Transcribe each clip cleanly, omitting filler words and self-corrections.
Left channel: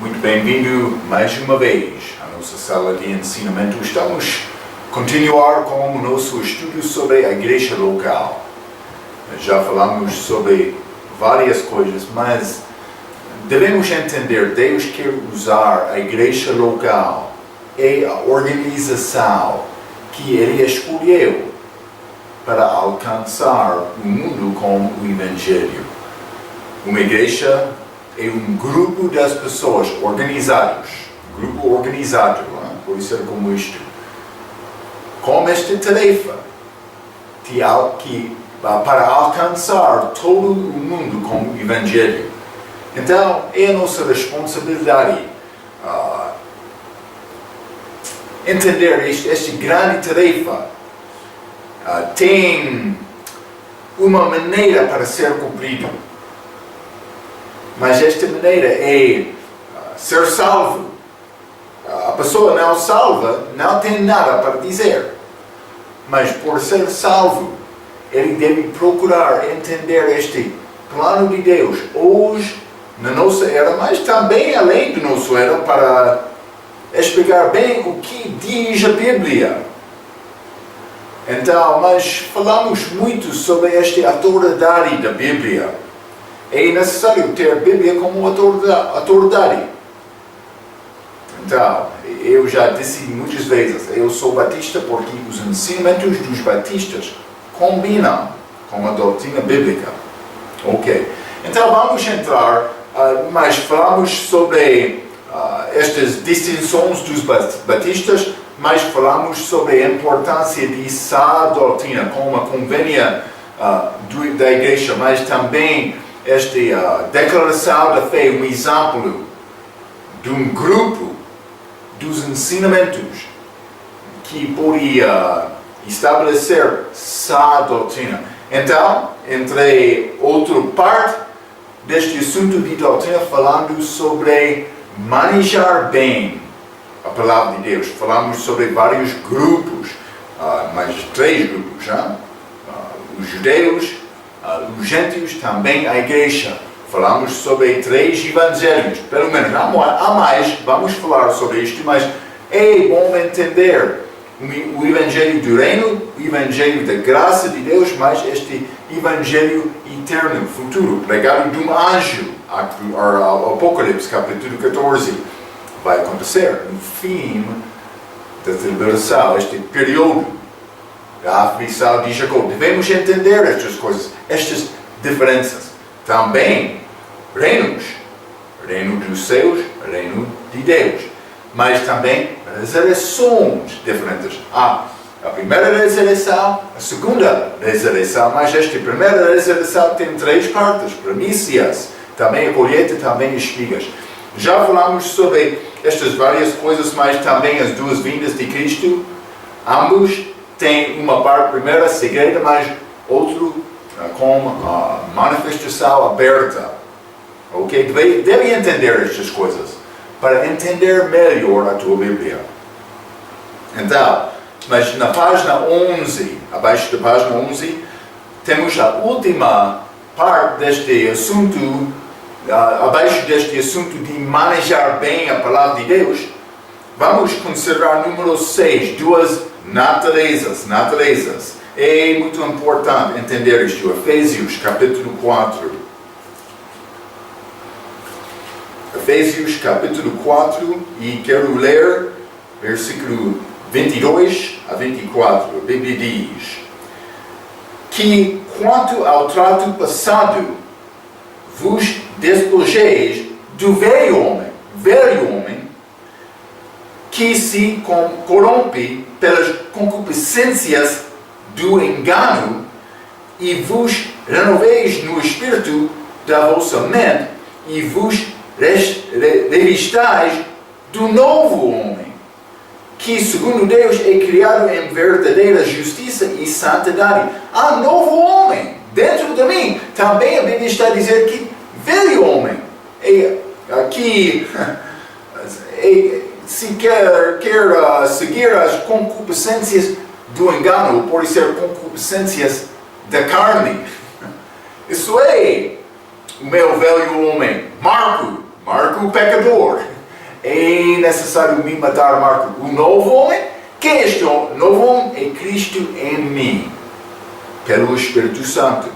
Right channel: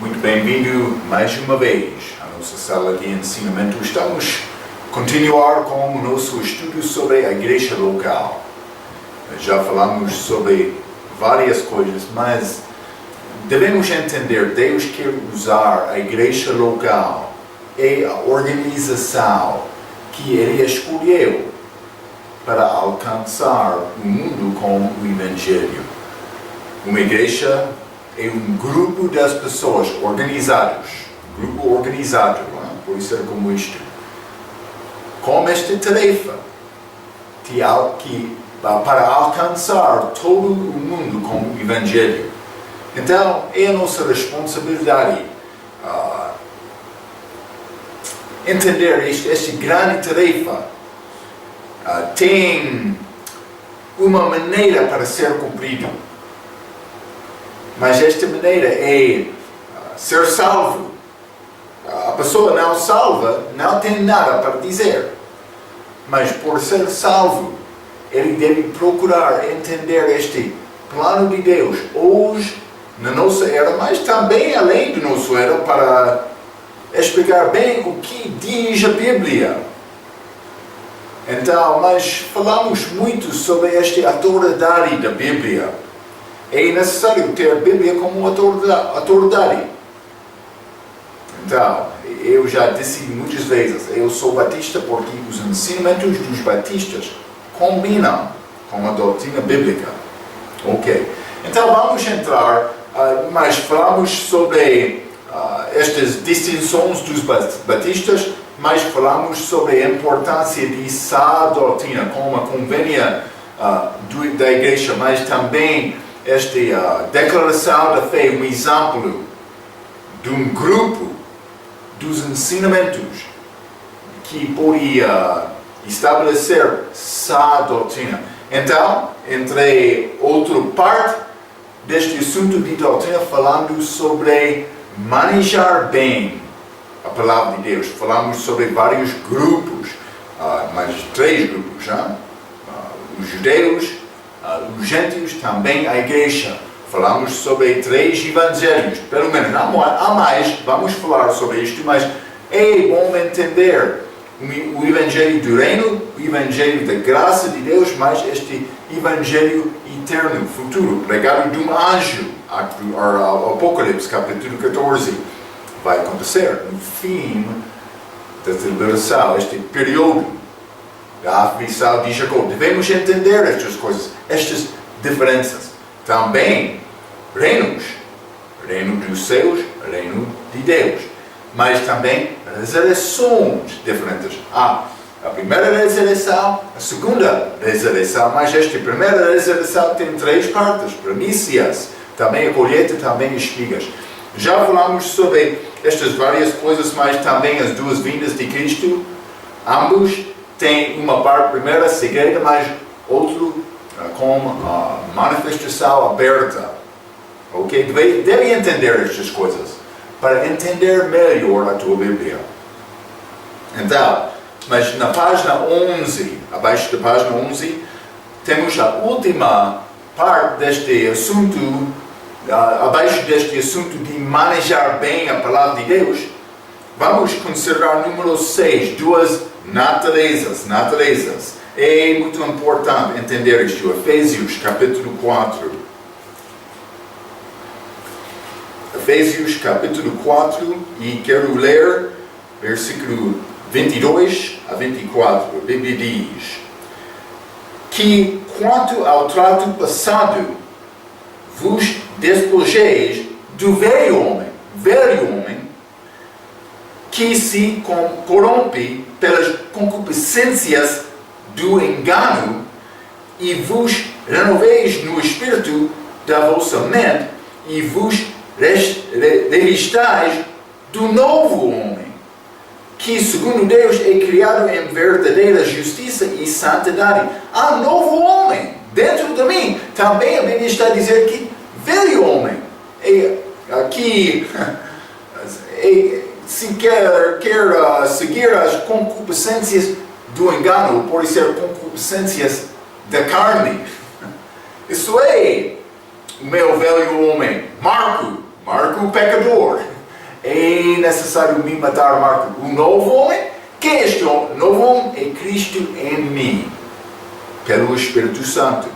Muito bem-vindo mais uma vez à nossa sala de ensinamento. Estamos a continuar com o nosso estudo sobre a igreja local. Já falamos sobre várias coisas, mas devemos entender, Deus quer usar a igreja local e a organização que Ele escolheu para alcançar o mundo com o Evangelho. Uma igreja é um grupo das pessoas organizados, grupo organizado, pode ser como isto, com esta tarefa para alcançar todo o mundo com o Evangelho. Então, é a nossa responsabilidade entender esta grande tarefa. Tem uma maneira para ser cumprido. Mas esta maneira é ser salvo. A pessoa não salva não tem nada para dizer. Mas por ser salvo, ele deve procurar entender este plano de Deus hoje, na nossa era, mas também além da nossa era, para explicar bem o que diz a Bíblia. Então, nós falamos muito sobre esta autoridade da Bíblia. É necessário ter a Bíblia como autoridade. Então, eu já disse muitas vezes, eu sou batista porque os ensinamentos dos batistas combinam com a doutrina bíblica. Ok. Então, vamos entrar, mas falamos sobre estas distinções dos batistas, mas falamos sobre a importância de sã doutrina, como a convênia da igreja, mas também esta declaração da fé, um exemplo de um grupo dos ensinamentos que podia estabelecer sã doutrina. Então, entre outra parte deste assunto de doutrina, falando sobre manejar bem a palavra de Deus. Falamos sobre vários grupos, mais 3 grupos, os judeus, os gentios, também a igreja. Falamos sobre 3 evangelhos, pelo menos há mais, vamos falar sobre isto, mas é bom entender o evangelho do reino, o evangelho da graça de Deus, mas este evangelho eterno, futuro, pregado de um anjo, Apocalipse, capítulo 14, vai acontecer no fim da tribulação, este período da aflição de Jacó. Devemos entender estas coisas, estas diferenças. Também, reinos, reino dos céus, reino de Deus. Mas também ressurreições diferentes. A primeira ressurreição, a segunda ressurreição, mas esta primeira ressurreição tem 3 partes, primícias, também a colheita, também as espigas. Já falamos sobre estas várias coisas, mas também as 2 vindas de Cristo. Ambos têm uma parte primeira, segreda, mas outro com a manifestação aberta. Ok? Deve entender estas coisas para entender melhor a tua Bíblia. Então, mas na página 11, abaixo da página 11, temos a última parte deste assunto, abaixo deste assunto de manejar bem a palavra de Deus. Vamos considerar número 6, 2 naturezas. É muito importante entender isto. Efésios capítulo 4. Efésios capítulo 4, e quero ler versículo 22 a 24. A Bíblia diz que quanto ao trato passado vos despojeis do velho homem que se corrompe pelas concupiscências do engano, e vos renoveis no espírito da vossa mente, e vos revistais do novo homem, que segundo Deus é criado em verdadeira justiça e santidade. Há novo homem dentro de mim. Também a Bíblia está a dizer que velho homem aqui se quer seguir as concupiscências do engano, pode ser concupiscências da carne. Isso é o meu velho homem. Marco Marco o pecador. É necessário me matar, Marco, o novo homem. Quem é este novo homem? É Cristo em mim, pelo Espírito Santo.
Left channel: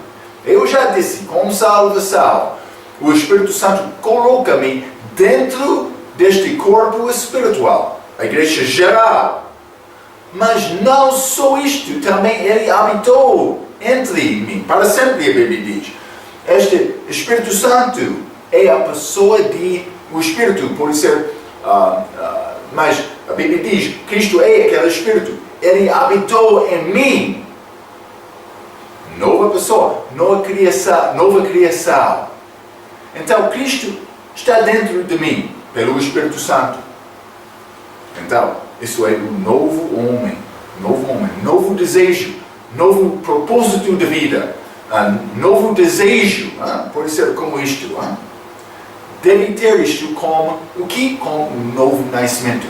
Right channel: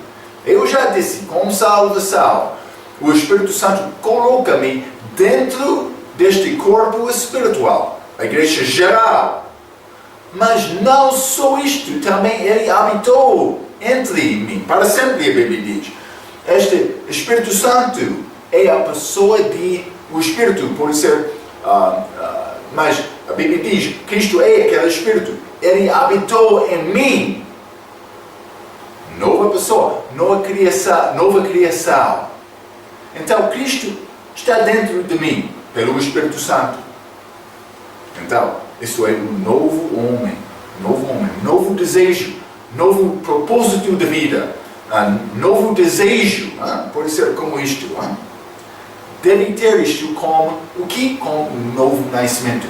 Eu já disse, com salvação, o Espírito Santo coloca-me dentro deste corpo espiritual, a igreja geral. Mas não só isto, também Ele habitou entre mim, para sempre, a Bíblia diz. Este Espírito Santo é a pessoa de... O Espírito pode ser... mas a Bíblia diz, Cristo é aquele Espírito. Ele habitou em mim. Nova pessoa, nova criação. Então, Cristo está dentro de mim, pelo Espírito Santo. Então, isso é o novo homem, novo desejo, novo propósito de vida, novo desejo, pode ser como isto. Deve ter isto como o que? Como um novo nascimento.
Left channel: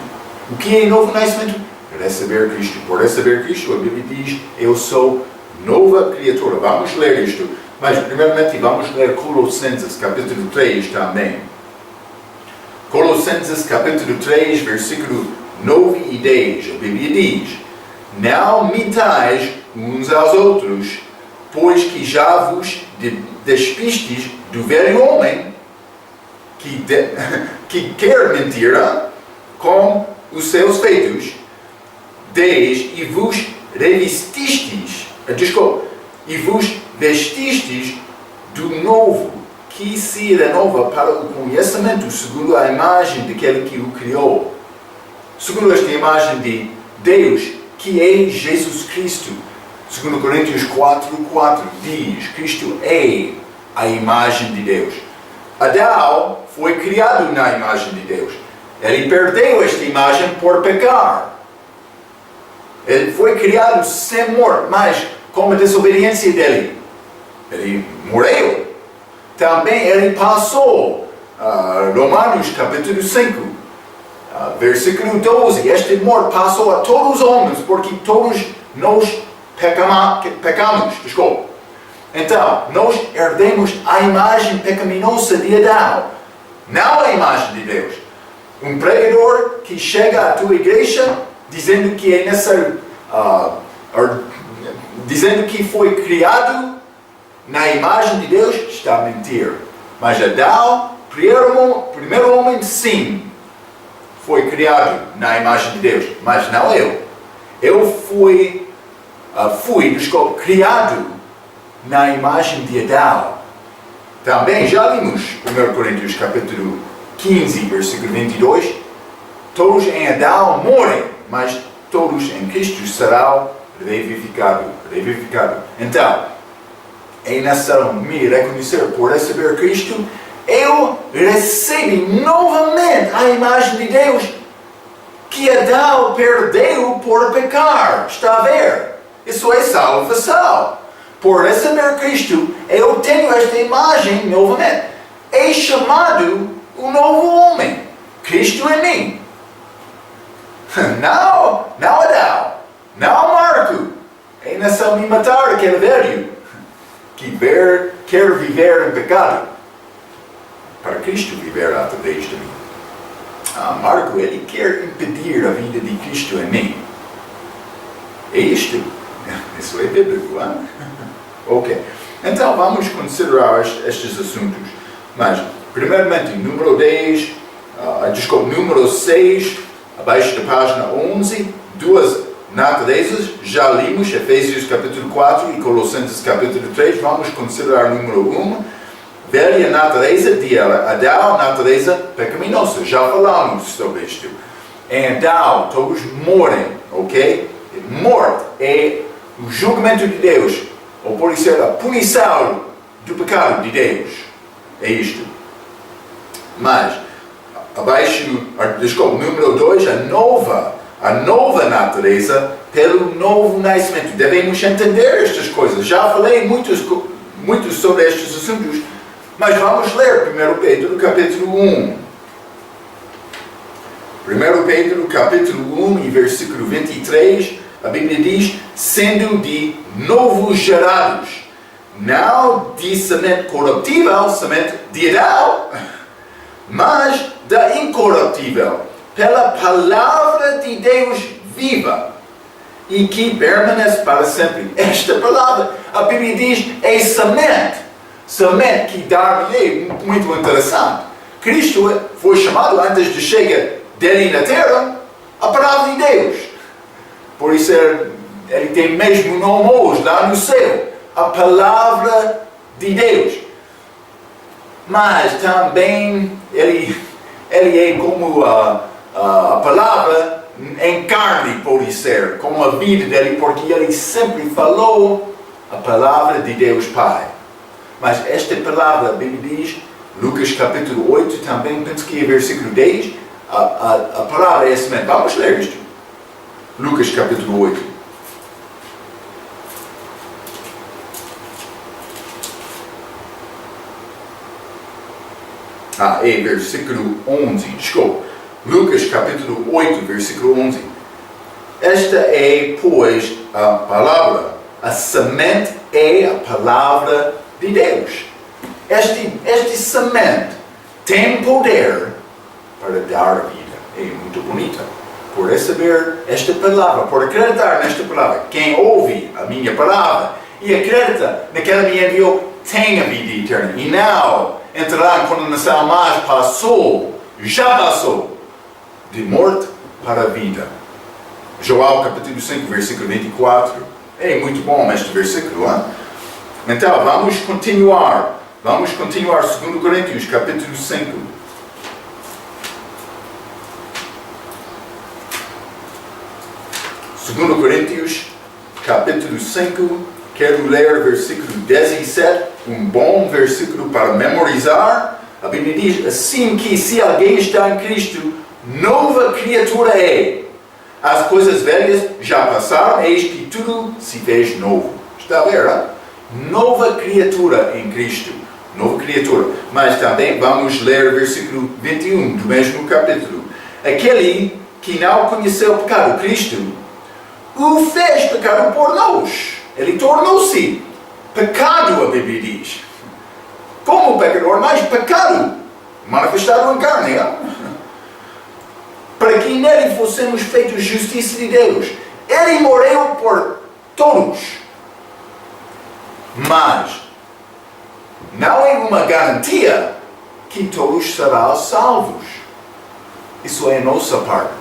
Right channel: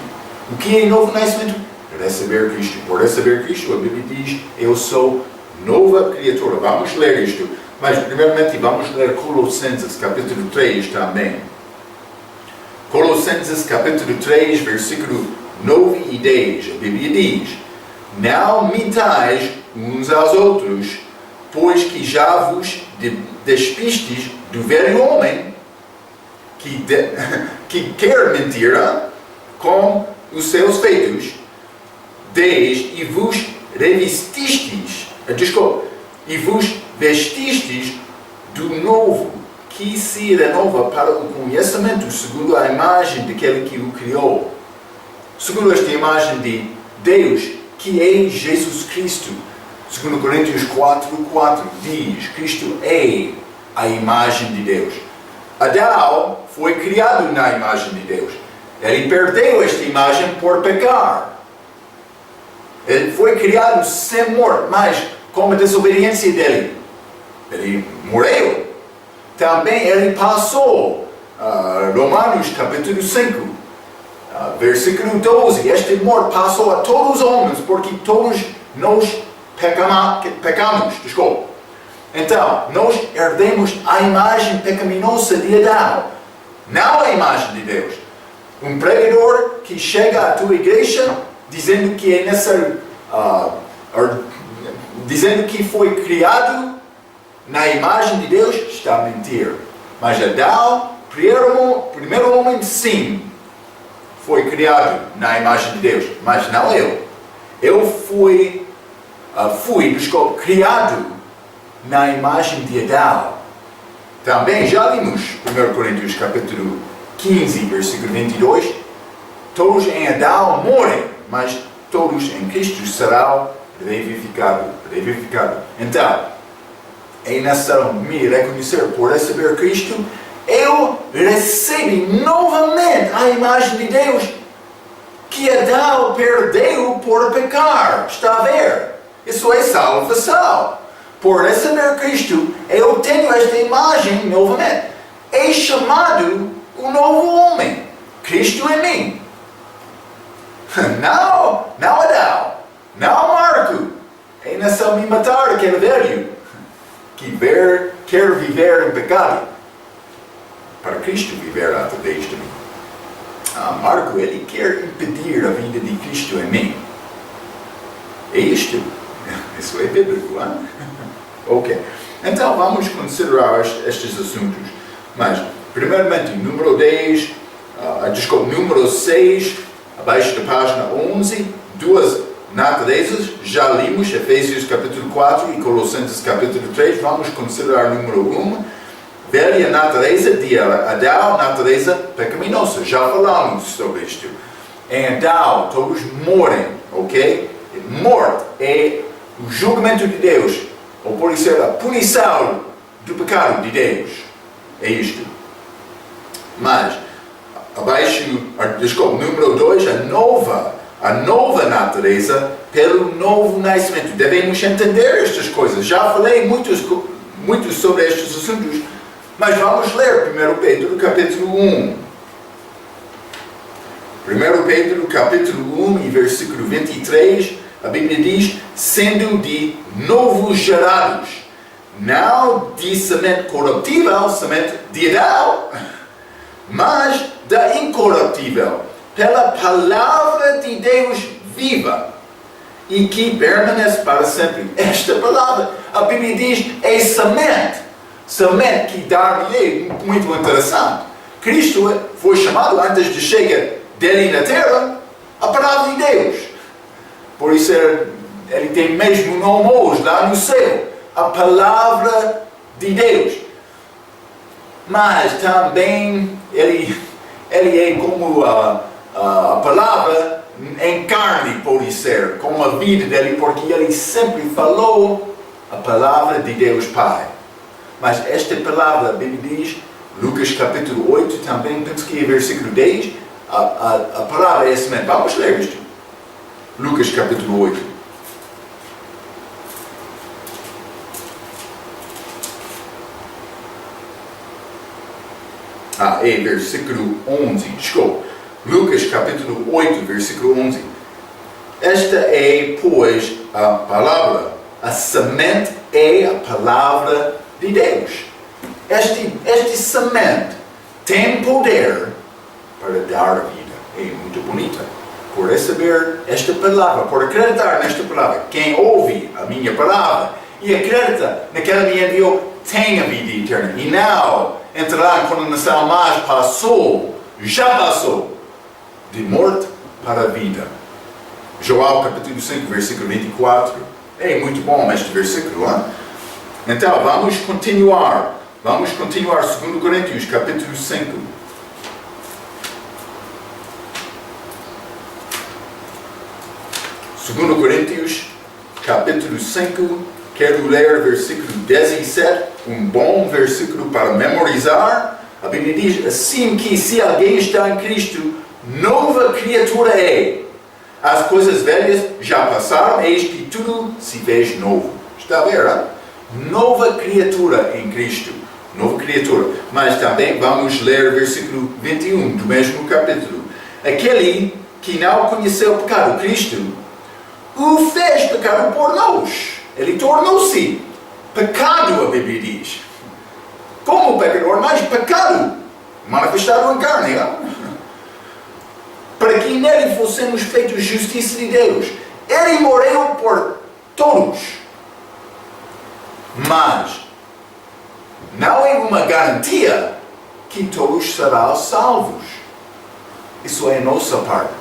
O que é novo nascimento? Receber Cristo. Por receber Cristo, a Bíblia diz, eu sou nova criatura. Vamos ler isto. Mas, primeiramente, vamos ler Colossenses, capítulo 3 também. Colossenses, capítulo 3, versículo 9 e 10. A Bíblia diz, não mintais uns aos outros, pois que já vos despistes do velho homem, que quer mentir com os seus feitos, e vos revestistes, e vos vestistes do novo, que se renova para o conhecimento segundo a imagem daquele que o criou. Segundo esta imagem de Deus, que é Jesus Cristo. Segundo Coríntios 4:4 diz, Cristo é a imagem de Deus. Adão foi criado na imagem de Deus. Ele perdeu esta imagem por pecar. Ele foi criado sem morte, mas com a desobediência dele, ele morreu. Também ele passou, Romanos capítulo 5, versículo 12, este morte passou a todos os homens, porque todos nós pecamos. Então, nós herdemos a imagem pecaminosa de Adão, não a imagem de Deus. Um pregador que chega à tua igreja dizendo que é necessário, dizendo que foi criado na imagem de Deus, está a mentir. Mas Adão, primeiro homem, sim, foi criado na imagem de Deus, mas não eu. Eu fui criado na imagem de Adão. Também já lemos 1 Coríntios capítulo 15, versículo 22. Todos em Adão morrem, mas todos em Cristo serão revivificados. Então, é necessário me reconhecer por receber Cristo. Eu recebi novamente a imagem de Deus que Adão perdeu por pecar. Está a ver? Isso é salvação. Por receber Cristo, eu tenho esta imagem novamente. É chamado o novo homem. Cristo em mim. Não Adão. Não Marco. É necessário me matar aquele velho que quer viver em pecado, para Cristo viver através de mim. Marco, ele quer impedir a vida de Cristo em mim. É isto? Isso é bíblico, hein? Ok. Então vamos considerar estes assuntos. Mas, primeiramente, número 6, abaixo da página 11, duas naturezas, já limos Efésios capítulo 4 e Colossenses capítulo 3, vamos considerar número 1, velha natureza de Adão, natureza pecaminosa, já falamos sobre isto. Em Adão todos morrem, ok? Morte é o julgamento de Deus, ou pode ser a punição do pecado de Deus, é isto. Mas, número 2, a nova natureza pelo novo nascimento. Devemos entender estas coisas. Já falei muito sobre estes assuntos, mas vamos ler 1 Pedro capítulo 1. 1 Pedro capítulo 1 e versículo 23, a Bíblia diz, sendo de novo gerados, não de semente corruptível, semente de Adão, mas da incorruptível, pela palavra de Deus viva, e que permanece para sempre. Esta palavra, a Bíblia diz, é semente. Semente que dar-lhe, muito interessante. Cristo foi chamado, antes de chegar dele na terra, a palavra de Deus. Por isso ele tem mesmo nome hoje, lá no céu. A palavra de Deus. Mas também ele é como a palavra em carne, pode ser, como a vida dele, porque ele sempre falou a palavra de Deus Pai. Mas esta palavra, a Bíblia diz, Lucas capítulo 8, também, penso que é versículo 10, a palavra é semente. Vamos ler isto. Lucas capítulo 8. É versículo 11, desculpa. Lucas capítulo 8, versículo 11. Esta é, pois, a palavra. A semente é a palavra de Deus. Este semente tem poder para dar a vida. É muito bonita. Por receber esta palavra, por acreditar nesta palavra. Quem ouve a minha palavra e acredita naquela que me enviou, tem a vida eterna. E não entrará em condenação, mas já passou de morte para a vida. João capítulo 5, versículo 24. É muito bom este versículo, hein? Então, vamos continuar. 2 Coríntios capítulo 5. Segundo Coríntios capítulo 5, quero ler versículo 17, um bom versículo para memorizar. A Bíblia diz assim que se alguém está em Cristo, nova criatura é. As coisas velhas já passaram, eis que tudo se fez novo. Está a ver, hein? Nova criatura em Cristo. Nova criatura. Mas também vamos ler versículo 21 do mesmo capítulo. Aquele que não conheceu o pecado, Cristo, o fez pecado por nós. Ele tornou-se pecado, a Bíblia diz. Como pecador, mas pecado manifestado em carne. Hein? Para que nele fossemos feitos justiça de Deus. Ele morreu por todos. Mas não é uma garantia que todos serão salvos. Isso é a nossa parte.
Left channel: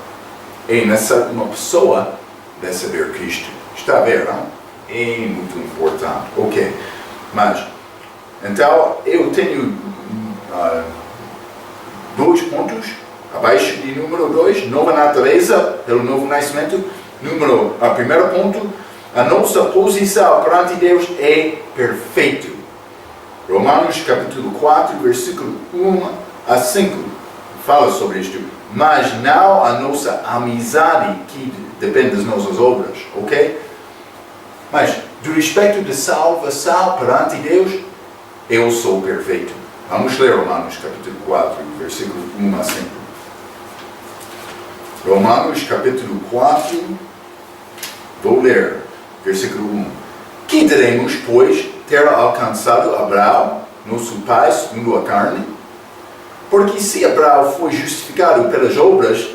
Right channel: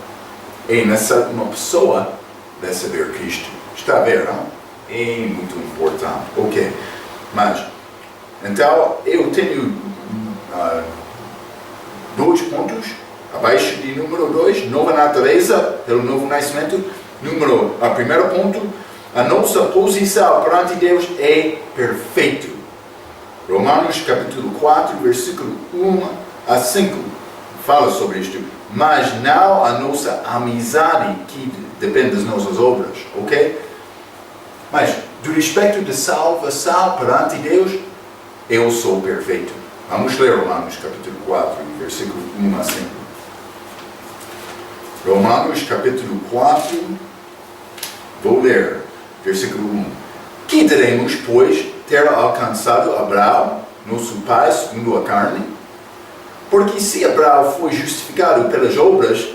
É uma pessoa de saber Cristo. Está a ver, não? É muito importante. Ok. Mas, então, eu tenho 2 pontos. Abaixo de número 2, nova natureza, pelo novo nascimento. Primeiro ponto, a nossa posição perante Deus é perfeito. Romanos capítulo 4, versículo 1 a 5, fala sobre isto. Mas não a nossa amizade, que depende das nossas obras, ok? Mas, do respeito de salvação perante Deus, eu sou perfeito. Vamos ler Romanos capítulo 4, versículo 1 a 5. Romanos capítulo 4, vou ler, versículo 1. Que diremos, pois, ter alcançado Abraão, nosso pai, segundo a carne? Porque se Abraão foi justificado pelas obras,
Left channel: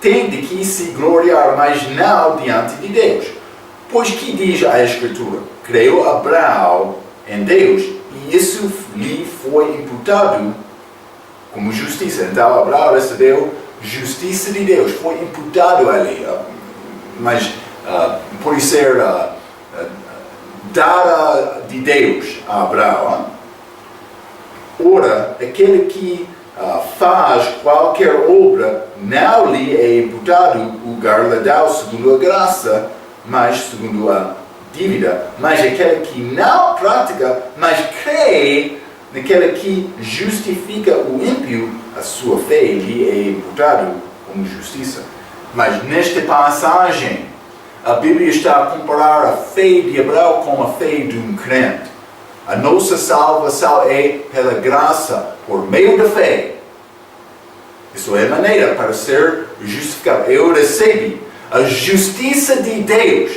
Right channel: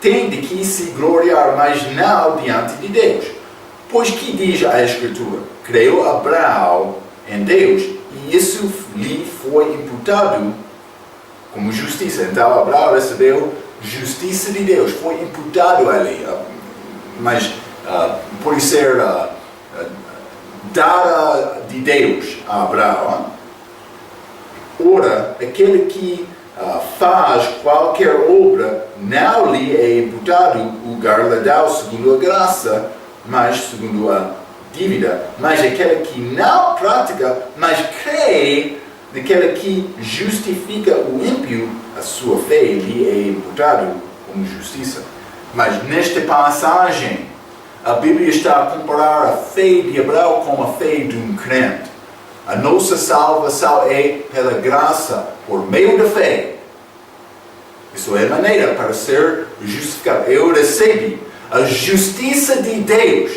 tem de que se gloriar, mas não diante de Deus. Pois que diz a Escritura? Creu Abraão em Deus, e isso lhe foi imputado como justiça. Então Abraão recebeu justiça de Deus, foi imputado a ele, mas por ser dada de Deus a Abraão. Ora, aquele que faz qualquer obra, não lhe é imputado o galardão segundo a graça, mas segundo a dívida. Mas aquele que não pratica, mas crê naquele que justifica o ímpio, a sua fé lhe é imputado como justiça. Mas nesta passagem, a Bíblia está a comparar a fé de Abraão com a fé de um crente. A nossa salvação é pela graça, por meio da fé. Isso é a maneira para ser justificado. Eu recebi a justiça de Deus.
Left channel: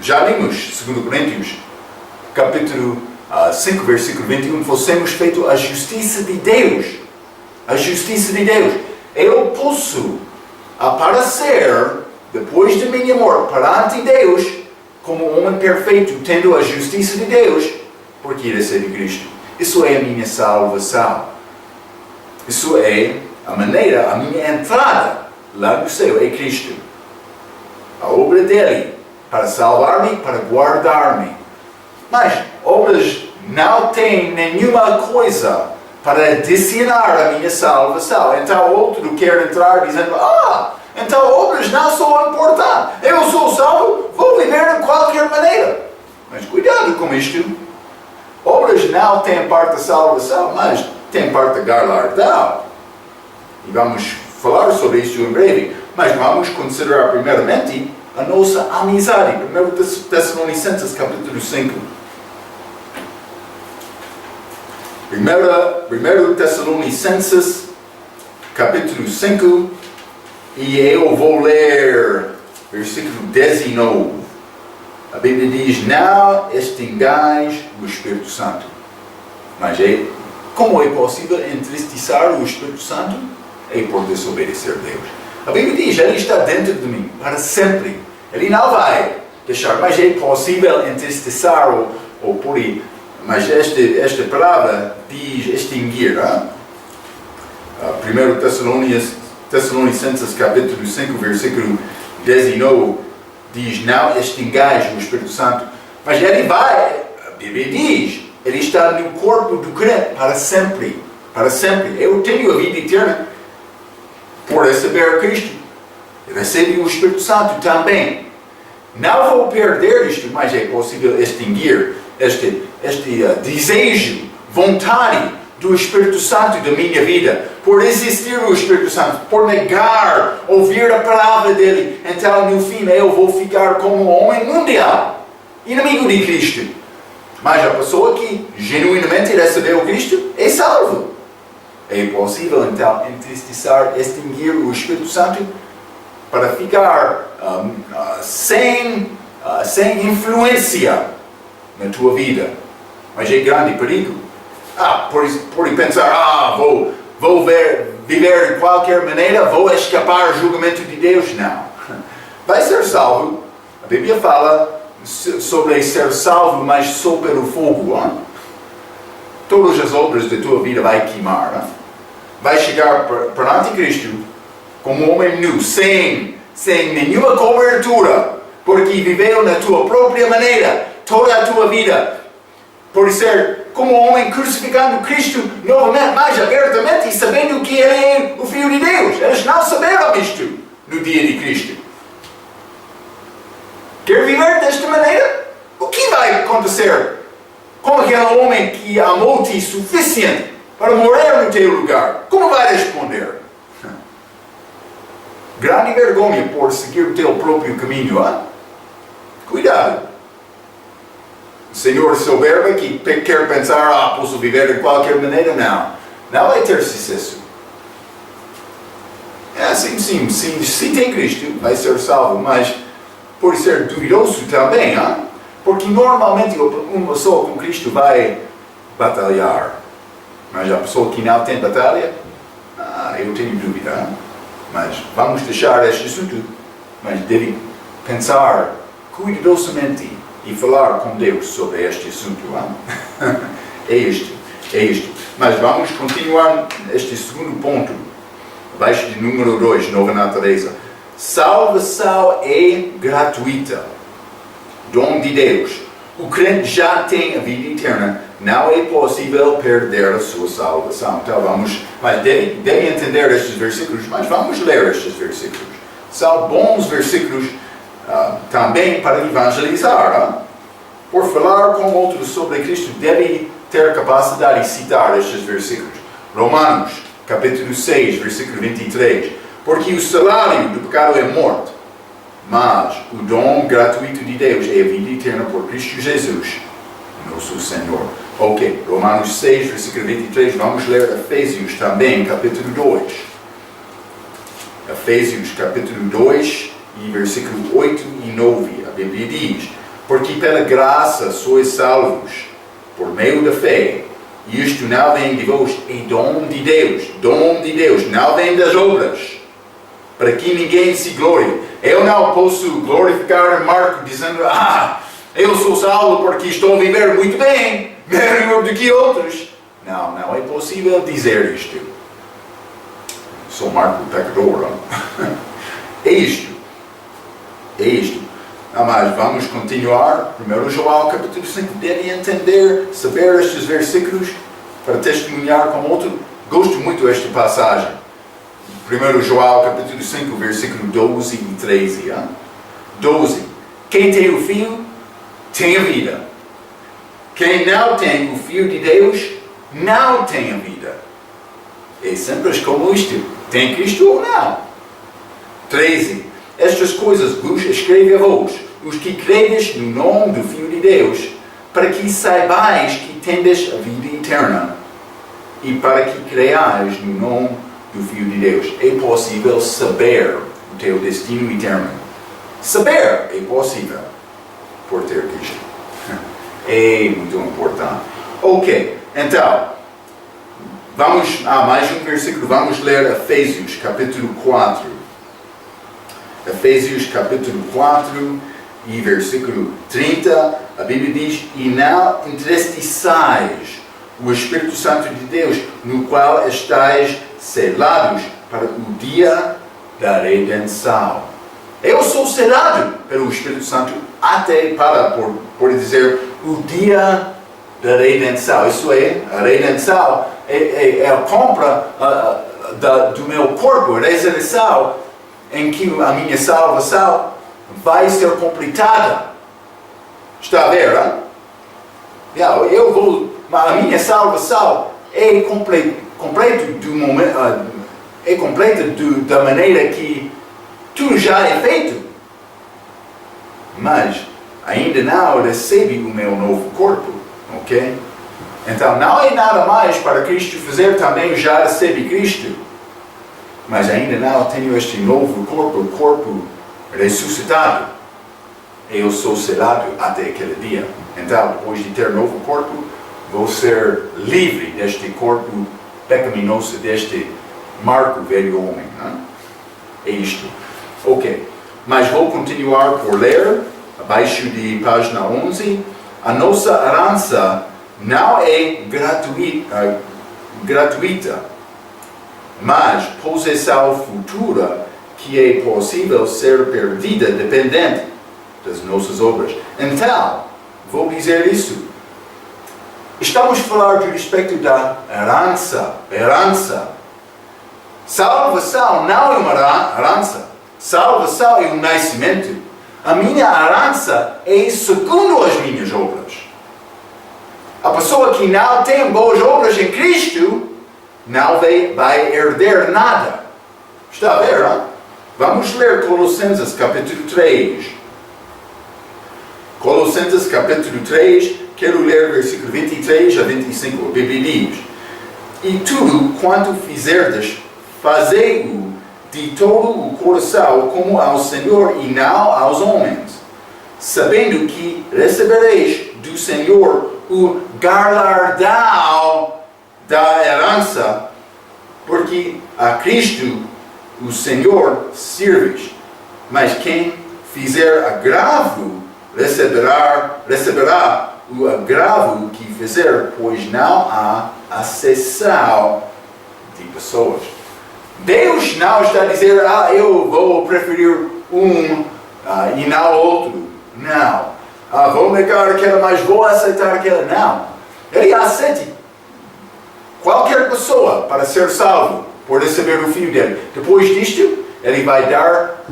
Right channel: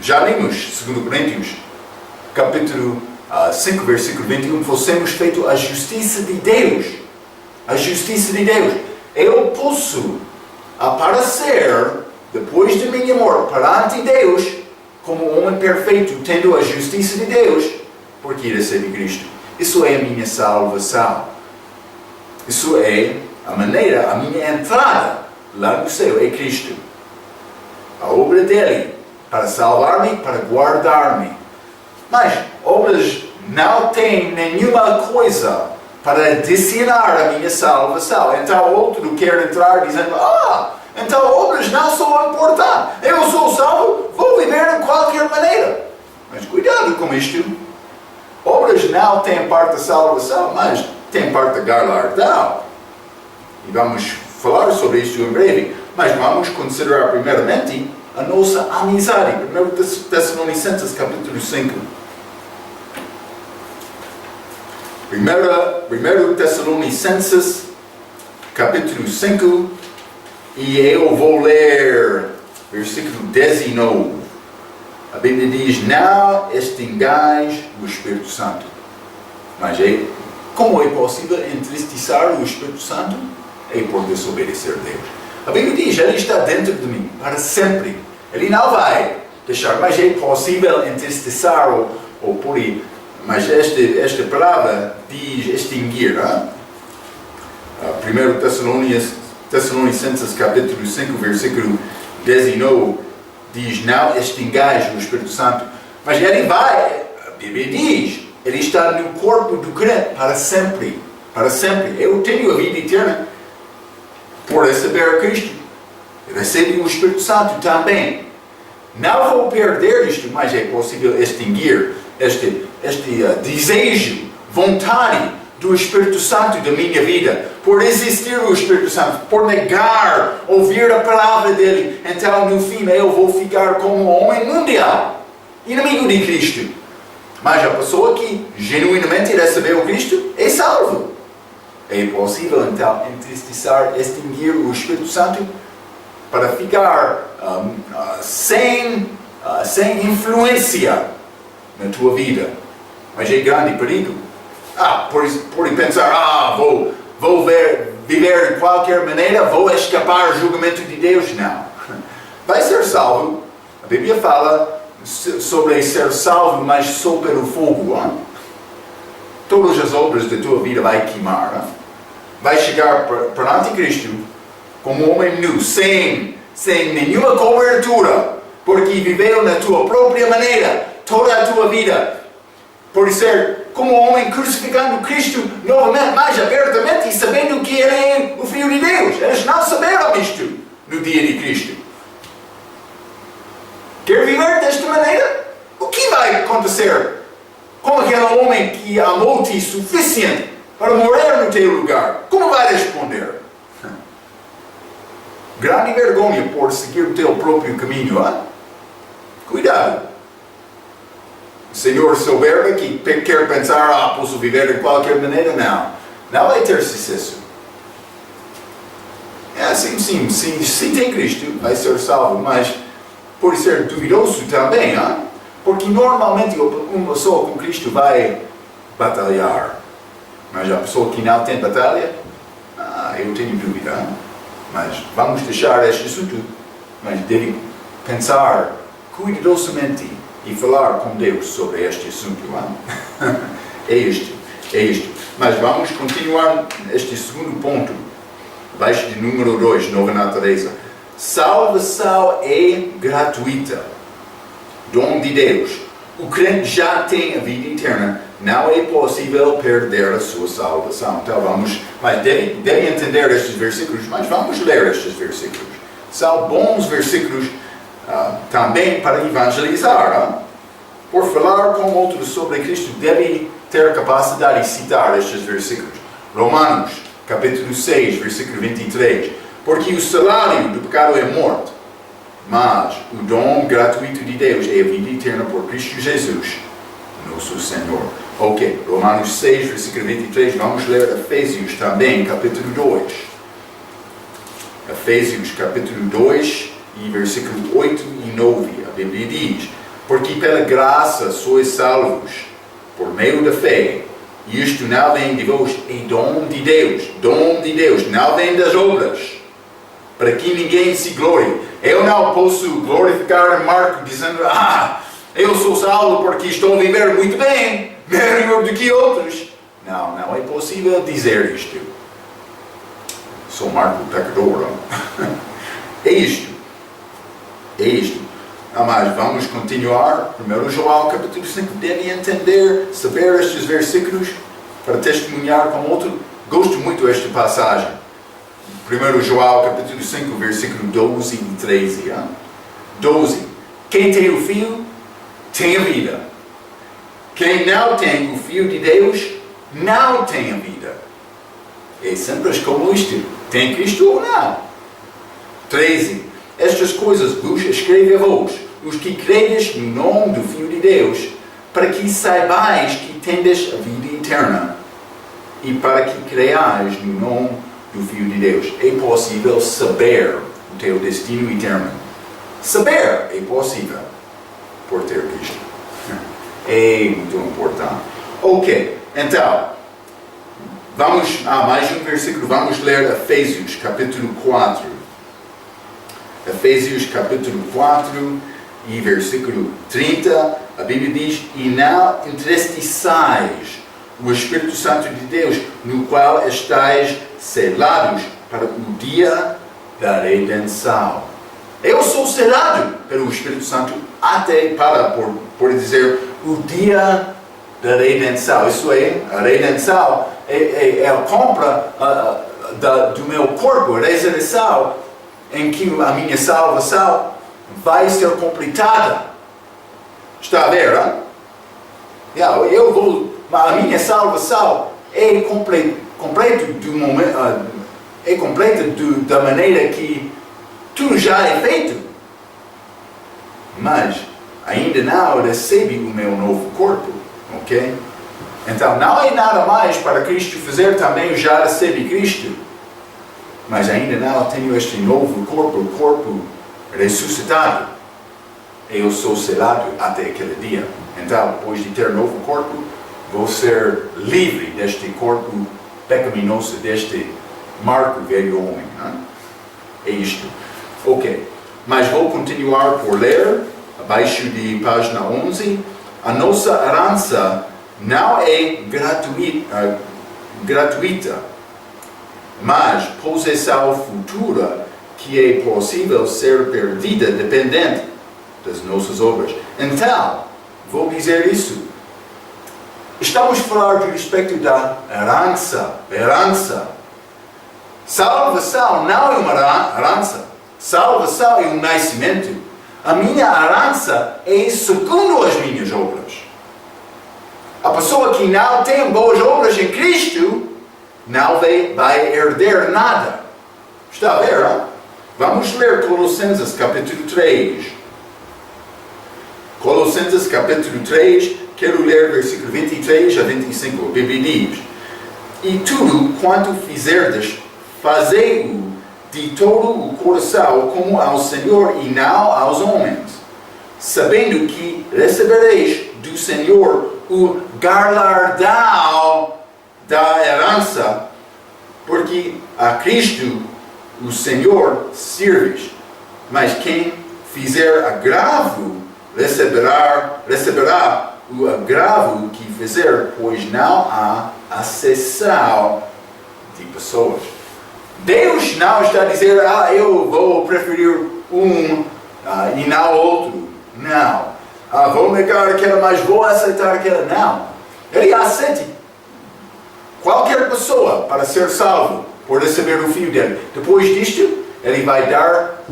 Já lemos 2 Coríntios, capítulo 5, versículo 21. Fossemos feitos a justiça de Deus. a justiça de Deus. Eu posso aparecer, depois de minha morte, perante Deus, como homem perfeito, tendo a justiça de Deus, porque recebi Cristo. Isso é a minha salvação. Isso é a maneira, a minha entrada lá no céu, é Cristo. A obra dele, para salvar-me, para guardar-me. Mas obras não têm nenhuma coisa para adicionar a minha salvação. Então outro quer entrar dizendo, então obras não são importantes. Eu sou salvo, vou viver de qualquer maneira. Mas cuidado com isto. Obras não têm parte da salvação, mas têm parte da galardão. E vamos falar sobre isso em breve. Mas vamos considerar primeiramente a nossa amizade. 1 Tessalonicenses capítulo 5. 1 Tessalonicenses capítulo 5. E eu vou ler versículo 19. A Bíblia diz, não extingais o Espírito Santo. Mas como é possível entristecer o Espírito Santo? É por desobedecer a Deus. A Bíblia diz, ele está dentro de mim para sempre. Ele não vai deixar, mas é possível entristecer ou por aí. Mas esta palavra diz extinguir. 1 Tessalonicenses capítulo 5, versículo 19, diz, não extingais o Espírito Santo. Mas ele vai, a Bíblia diz, ele está no corpo do crente para sempre. Para sempre. Eu tenho a vida eterna por receber Cristo. Recebo o Espírito Santo também. Não vou perder isto, mas é possível extinguir este desejo, vontade do Espírito Santo da minha vida, por existir o Espírito Santo, por negar, ouvir a palavra dele. Então no fim eu vou ficar como um homem mundial, inimigo de Cristo. Mas a pessoa que genuinamente recebeu Cristo é salvo. É possível então entristecer, extinguir o Espírito Santo para ficar sem influência na tua vida. Mas é grande perigo. Por pensar, vou viver de qualquer maneira, vou escapar do julgamento de Deus. Não. Vai ser salvo. A Bíblia fala sobre ser salvo, mas só pelo fogo. Hein? Todas as obras da tua vida vai queimar. Hein? Vai chegar perante Cristo como um homem nu, sem nenhuma cobertura, porque viveu na tua própria maneira toda a tua vida. Por ser como um homem crucificando Cristo novamente, mais abertamente, e sabendo que Ele é o Filho de Deus. Eles não saberam isto no dia de Cristo. Quer viver desta maneira? O que vai acontecer com aquele homem que amou-te suficiente para morrer no teu lugar? Como vai responder? Grande vergonha por seguir o teu próprio caminho. Hein? Cuidado. O Senhor soberbo que quer pensar, posso viver de qualquer maneira? Não vai ter sucesso. Sim, se tem Cristo, vai ser salvo, mas por ser duvidoso também, porque normalmente uma pessoa com Cristo vai batalhar, mas a pessoa que não tem batalha, eu tenho dúvida, mas vamos deixar este assunto, mas deve pensar cuidadosamente e falar com Deus sobre este assunto. É isto. Mas vamos continuar este segundo ponto, abaixo de número 2, nova natureza. Salvação é gratuita, dom de Deus. O crente já tem a vida eterna, não é possível perder a sua salvação. Então mas deve entender estes versículos, mas vamos ler estes versículos. São bons versículos também para evangelizar. Por falar com outros sobre Cristo, deve ter capacidade de citar estes versículos. Romanos, capítulo 6, versículo 23. Porque o salário do pecado é morte, mas o dom gratuito de Deus é a vida eterna por Cristo Jesus, nosso Senhor. Ok, Romanos 6, versículo 23. Vamos ler Efésios também, capítulo 2. Efésios, capítulo 2, e versículo 8 e 9. A Bíblia diz: porque pela graça sois salvos, por meio da fé, E isto não vem de vós, é dom de Deus, não vem das obras, para que ninguém se glorie. Eu não posso glorificar Marco dizendo, eu sou salvo porque estou a viver muito bem, melhor do que outros. Não, não é possível dizer isto. Sou Marco pecador. É isto. Mas vamos continuar. 1 João capítulo 5. Deve entender, saber estes versículos para testemunhar com outro. Gosto muito desta passagem. 1 João capítulo 5, versículo 12 e 13. 12. Quem tem o Filho, tem a vida. Quem não tem o Filho de Deus, não tem a vida. É simples como isto. Tem Cristo ou não? 13. Estas coisas vos escrevo a vós, os que credes no nome do Filho de Deus, para que saibais que tendes a vida eterna, e para que creais no nome do Filho de Deus. É possível saber o teu destino eterno. Saber é possível por ter Cristo. É muito importante. Ok, então, vamos a mais um versículo. Vamos ler Efésios capítulo 4. Efésios capítulo 4 e versículo 30, a Bíblia diz: e não entristeçais o Espírito Santo de Deus, no qual estáis selados para o dia da redenção. Eu sou selado pelo Espírito Santo até por dizer, o dia da redenção. Isso é, a redenção é a compra do meu corpo, a ressurreição, em que a minha salvação vai ser completada. Está a ver, hein? A minha salvação é completa da maneira que tudo já é feito. Mas ainda não recebe o meu novo corpo, ok? Então não é nada mais para Cristo fazer, também já recebe Cristo. Mas ainda não tenho este novo corpo, o corpo ressuscitado. Eu sou selado até aquele dia. Então, depois de ter novo corpo, vou ser livre deste corpo pecaminoso, deste marco velho homem. É isto. Ok. Mas vou continuar por ler, abaixo de página 11. A nossa herança não é gratuita, mas possessão futura que é possível ser perdida dependente das nossas obras. Então, vou dizer isso. Estamos a falar de respeito da herança. Salvação não é uma herança. Salvação é um nascimento. A minha herança é segundo as minhas obras. A pessoa que não tem boas obras em Cristo não vai herder nada. Está a ver, não? Vamos ler Colossenses capítulo 3. Colossenses capítulo 3, quero ler versículo 23 a 25. A Bíblia diz: e tudo quanto fizerdes, fazei-o de todo o coração como ao Senhor e não aos homens, sabendo que recebereis do Senhor o galardão da herança, porque a Cristo, o Senhor, serves. Mas quem fizer agravo, receberá o agravo que fizer, pois não há acessão de pessoas. Deus não está a dizer, eu vou preferir um e não outro. Não. Vou negar aquela, mas vou aceitar aquela. Não. Ele aceita qualquer pessoa para ser salvo, por receber o Filho dele. Depois disto, ele vai dar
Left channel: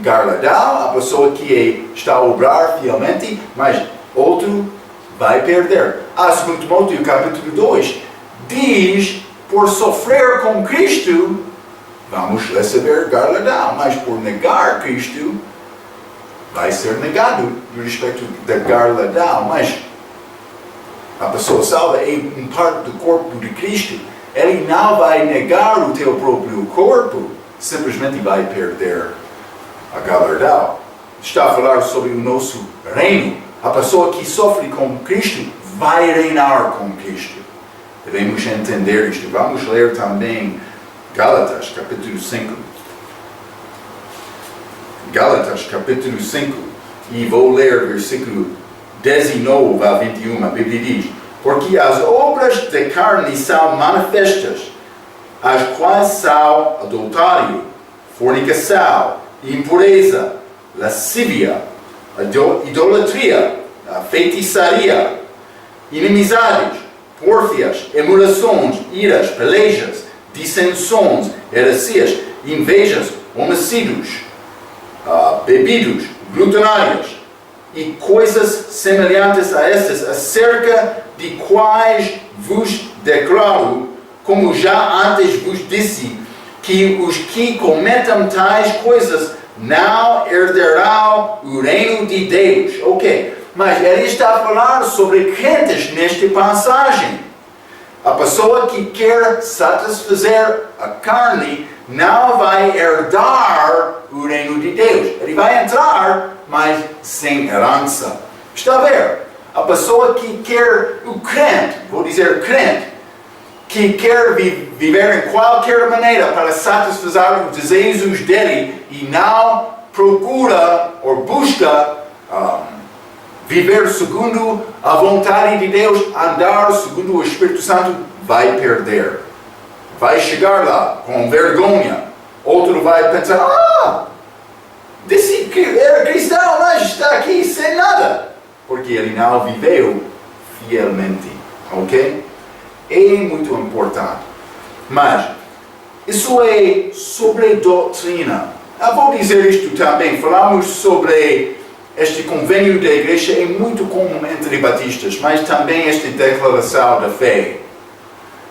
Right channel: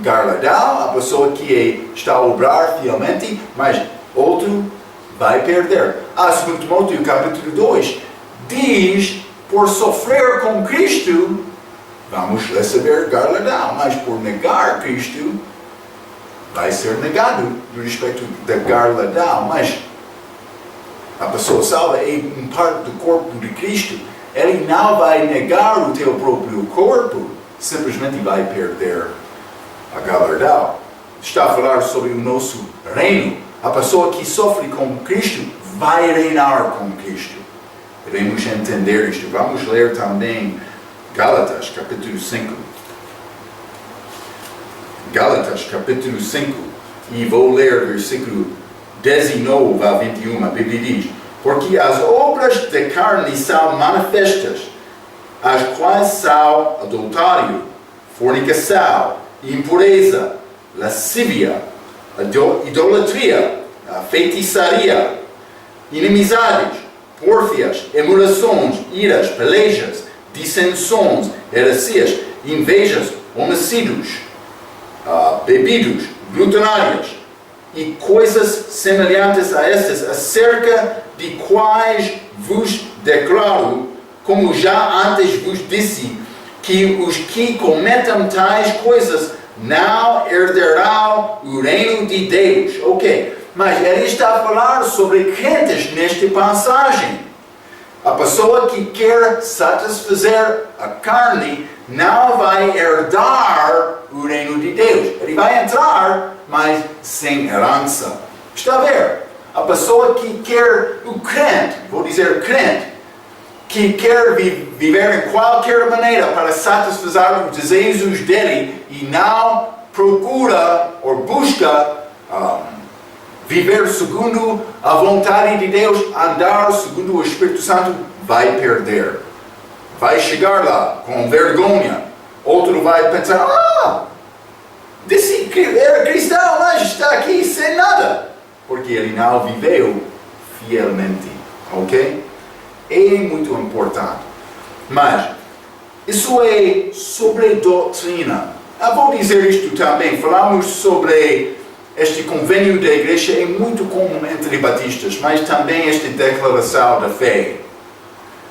galardão à pessoa que está a obrar fielmente, mas outro vai perder. 2 Timóteo capítulo 2 diz, por sofrer com Cristo, vamos receber galardão, mas por negar Cristo, vai ser negado no respeito da galardão. Mas a pessoa salva é um parte do corpo de Cristo. Ele não vai negar o teu próprio corpo, simplesmente vai perder a galardão. Está a falar sobre o nosso reino. A pessoa que sofre com Cristo vai reinar com Cristo. devemos entender isto. Vamos ler também Gálatas, capítulo 5. Gálatas, capítulo 5, e vou ler versículo 19 a 21. A Bíblia diz: porque as obras da carne são manifestas, as quais são adultério, fornicação, impureza, lascívia, idolatria, feitiçaria, inimizades, pórfias, emulações, iras, pelejas, dissensões, heresias, invejas, homicídios, bebidos, glutonárias e coisas semelhantes a estas, acerca de quais vos declaro, como já antes vos disse, que os que cometam tais coisas não herdarão o reino de Deus. Ok, mas ele está a falar sobre crentes nesta passagem. A pessoa que quer satisfazer a carne não vai herdar o reino de Deus. Ele vai entrar, mas sem herança. Está a ver? A pessoa que quer, o crente, vou dizer crente, que quer viver em qualquer maneira para satisfazer os desejos dele e não procura ou busca viver segundo a vontade de Deus, andar segundo o Espírito Santo, vai perder. Vai chegar lá com vergonha. Outro vai pensar: disse que era cristão, mas está aqui sem nada. Porque ele não viveu fielmente. Ok? É muito importante. Mas isso é sobre doutrina. Eu vou dizer isto também. Falamos sobre este convênio da igreja, é muito comum entre batistas, mas também esta declaração da fé.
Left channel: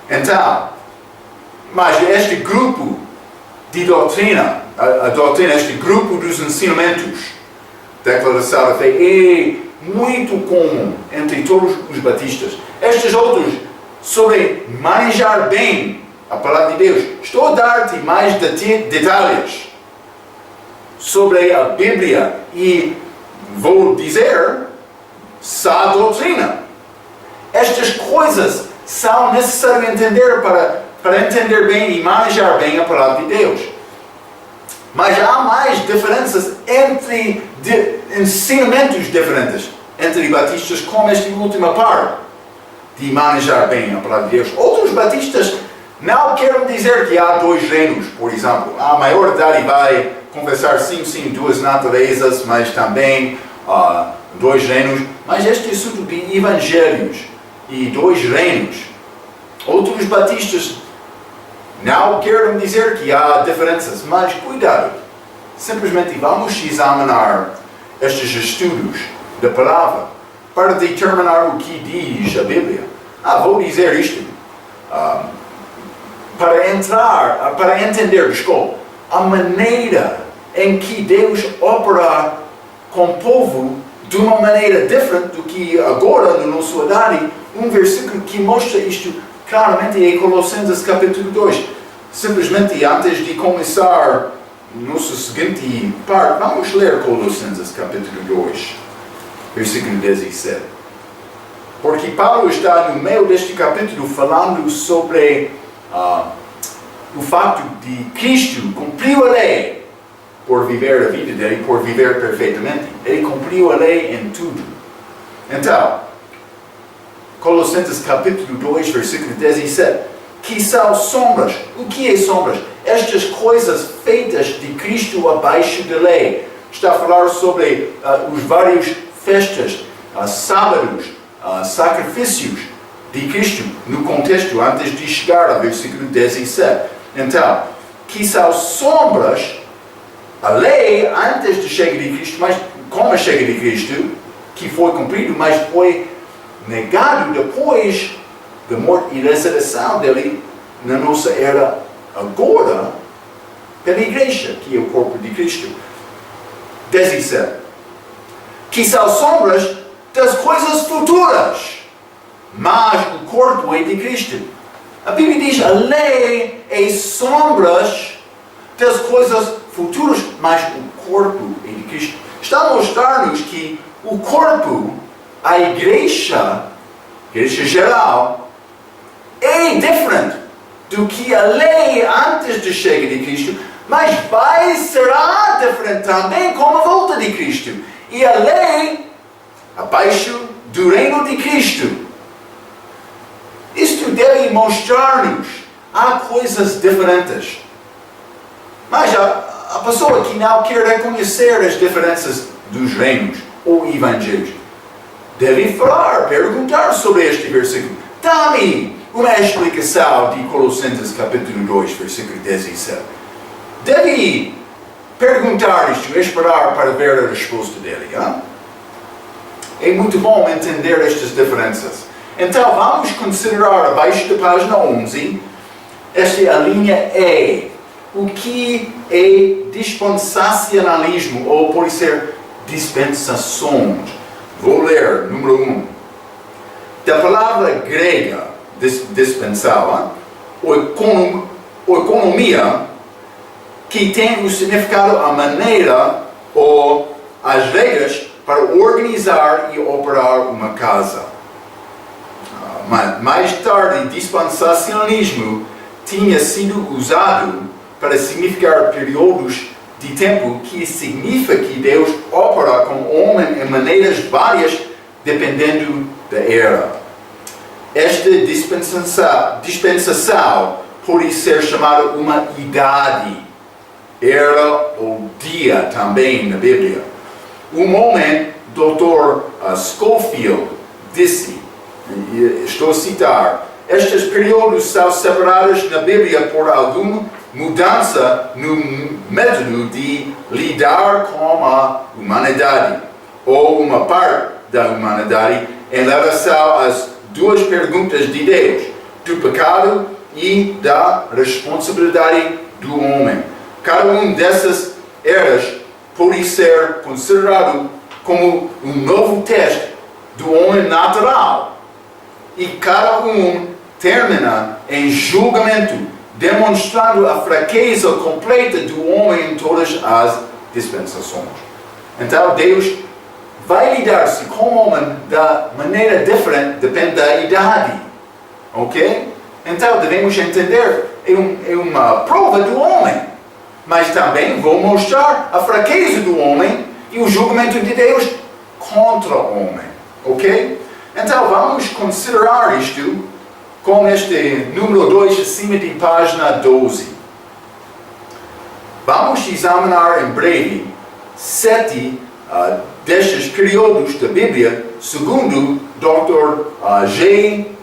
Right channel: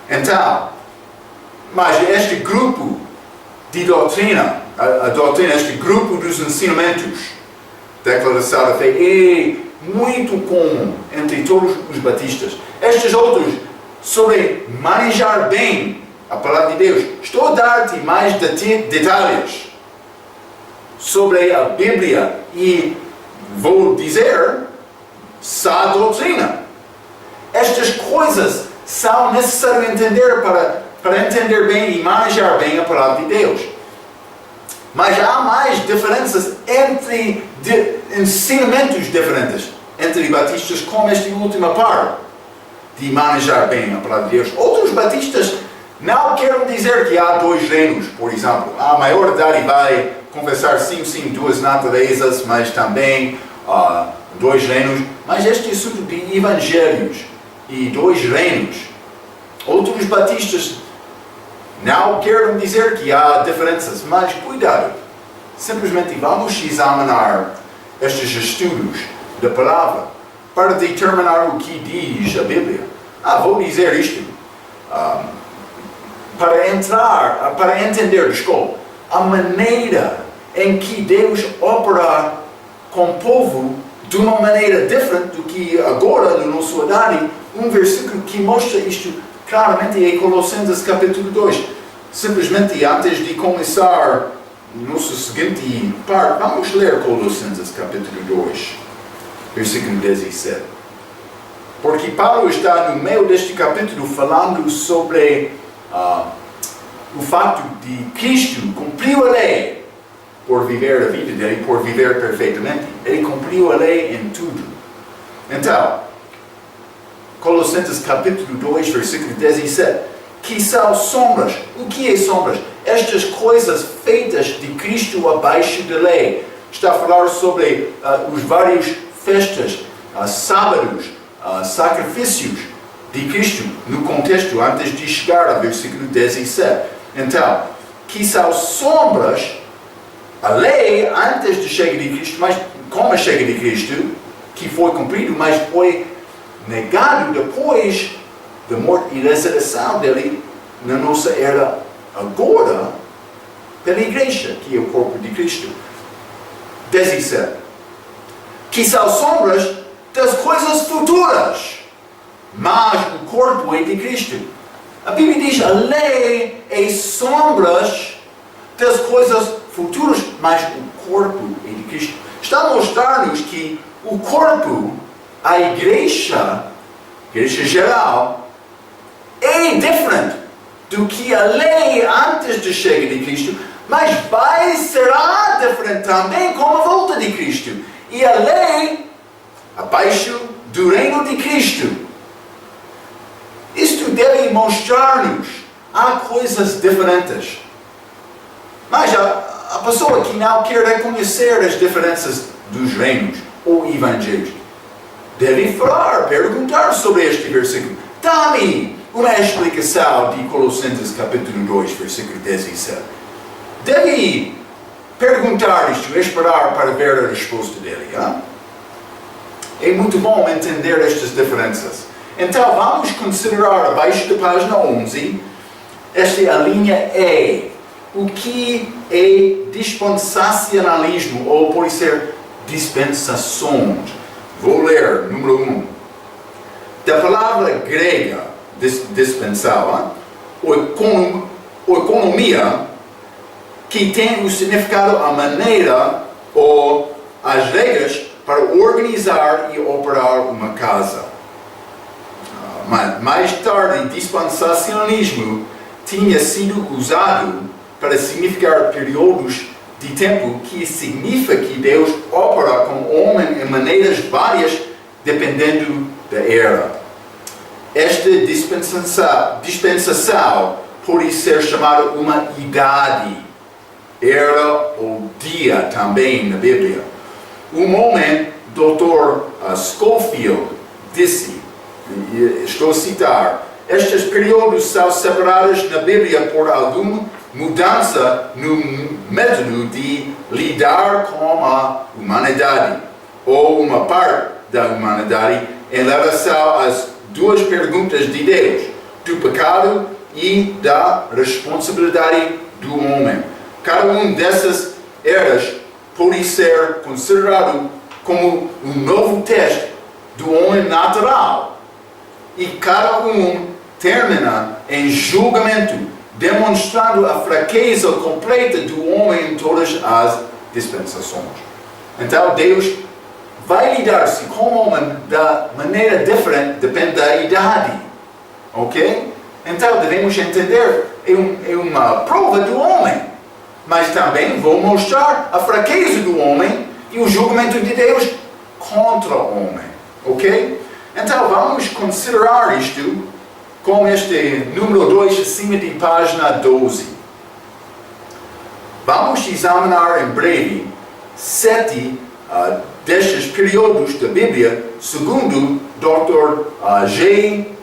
Então, mas este grupo de doutrina, a doutrina, este grupo dos ensinamentos, declaração da fé, é muito comum entre todos os batistas. Estes outros, sobre manejar bem a palavra de Deus, estou a dar-te mais detalhes sobre a Bíblia e vou dizer só a doutrina. Estas coisas são necessárias entender para entender bem e manejar bem a palavra de Deus. Mas há mais diferenças entre ensinamentos diferentes entre batistas, como esta última parte de manejar bem a palavra de Deus. Outros batistas não querem dizer que há dois reinos, por exemplo. A maioridade vai confessar sim, duas naturezas, mas também dois reinos. Mas este assunto de evangelhos e dois reinos, outros batistas não querem dizer que há diferenças, mas cuidado. Simplesmente vamos examinar estes estudos da palavra para determinar o que diz a Bíblia. Vou dizer isto. Para entender, a maneira em que Deus opera com o povo de uma maneira diferente do que agora, na nossa idade, um versículo que mostra isto claramente é Colossenses capítulo 2. Simplesmente antes de começar nossa seguinte parte, vamos ler Colossenses capítulo 2, versículo 17. Porque Paulo está no meio deste capítulo falando sobre o fato de Cristo cumpriu a lei por viver a vida dele, por viver perfeitamente. Ele cumpriu a lei em tudo. Então, Colossenses capítulo 2, versículo 17. Que são sombras. O que é sombras? Estas coisas feitas de Cristo abaixo da lei. Está a falar sobre os vários festas, sábados, sacrifícios de Cristo, no contexto antes de chegar ao versículo 17. Então, que são sombras, a lei antes de chegar de Cristo, mas como a chega de Cristo, que foi cumprido, mas foi negado depois da morte e ressurreição dele na nossa era agora, pela igreja, que é o corpo de Cristo. 17. Que são sombras das coisas futuras, mas o corpo é de Cristo. A Bíblia diz a lei é sombras das coisas futuras, mas o corpo é de Cristo. Está a mostrar-nos que o corpo, a igreja geral, é é diferente do que a lei antes da chegada de Cristo, mas será diferente também com a volta de Cristo. E a lei abaixo do reino de Cristo. Isto deve mostrar-nos há coisas diferentes. Mas a pessoa que não quer reconhecer as diferenças dos reinos ou evangelhos deve falar, perguntar sobre este versículo. Dá-me uma explicação de Colossenses capítulo 2, versículo 17. Deve perguntar isto, esperar para ver a resposta dele. Hein? É muito bom entender estas diferenças. Então vamos considerar abaixo da página 11, esta é a linha E. O que é dispensacionalismo, ou pode ser dispensações? Vou ler, número 1. Da palavra grega, dispensar, ou economia, que tem o significado a maneira ou as regras para organizar e operar uma casa. Mais tarde, dispensacionalismo tinha sido usado para significar períodos de tempo que significa que Deus opera com o homem em maneiras várias dependendo da era. Esta dispensação pode ser chamada uma idade, era ou dia também na Bíblia. Um homem, Dr. Scofield, disse, estou a citar, estes períodos são separados na Bíblia por alguma mudança no método de lidar com a humanidade, ou uma parte da humanidade, em relação às duas perguntas de Deus, do pecado e da responsabilidade do homem. Cada dessas eras pode ser considerado como um novo teste do homem natural, e cada termina em julgamento, demonstrando a fraqueza completa do homem em todas as dispensações. Então Deus vai lidar-se com o homem da maneira diferente, depende da idade. Ok? Então devemos entender, é uma prova do homem. Mas também vou mostrar a fraqueza do homem e o julgamento de Deus contra o homem. Ok? Então vamos considerar isto com este número 2 acima de página 12. Vamos examinar em breve 7 destes períodos da Bíblia, segundo Dr. H.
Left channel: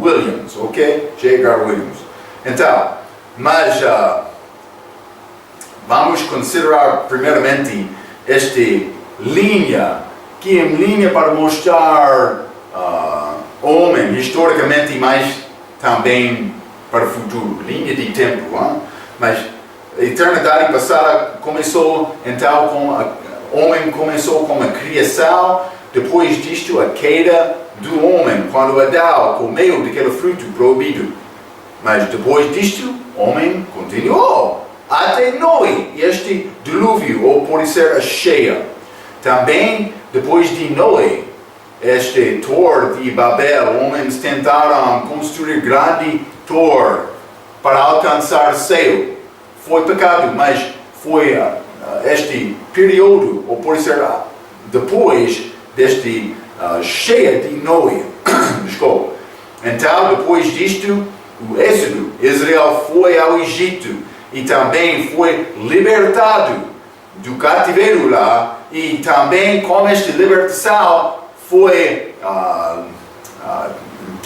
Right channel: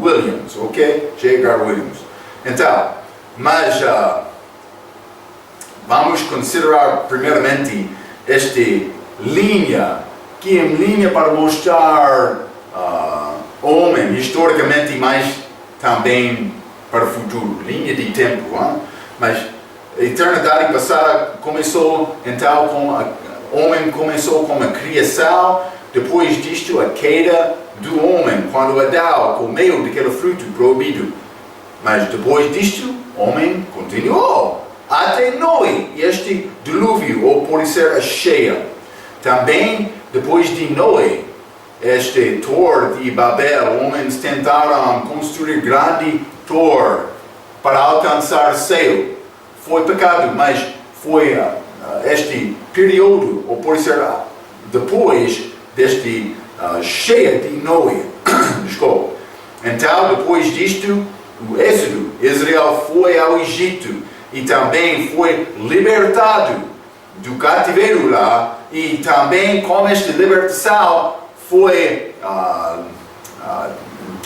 Williams, ok? J. H. Williams. Então, mas vamos considerar primeiramente esta linha, que é uma linha para mostrar homem historicamente, mas também para o futuro, linha de tempo. Hein? Mas a eternidade passada começou então com o homem começou com a criação, depois disto a queda do homem, quando Adão comeu daquele fruto proibido. Mas depois disto, o homem continuou até Noé, este dilúvio, ou pode ser a cheia. Também depois de Noé, este torre de Babel, homens tentaram construir grande torre para alcançar o céu. Foi pecado, mas foi este período, ou pode ser depois deste cheia de Noé. Desculpa. Então, depois disto, o êxodo, Israel foi ao Egito e também foi libertado do cativeiro lá, e também com esta libertação foi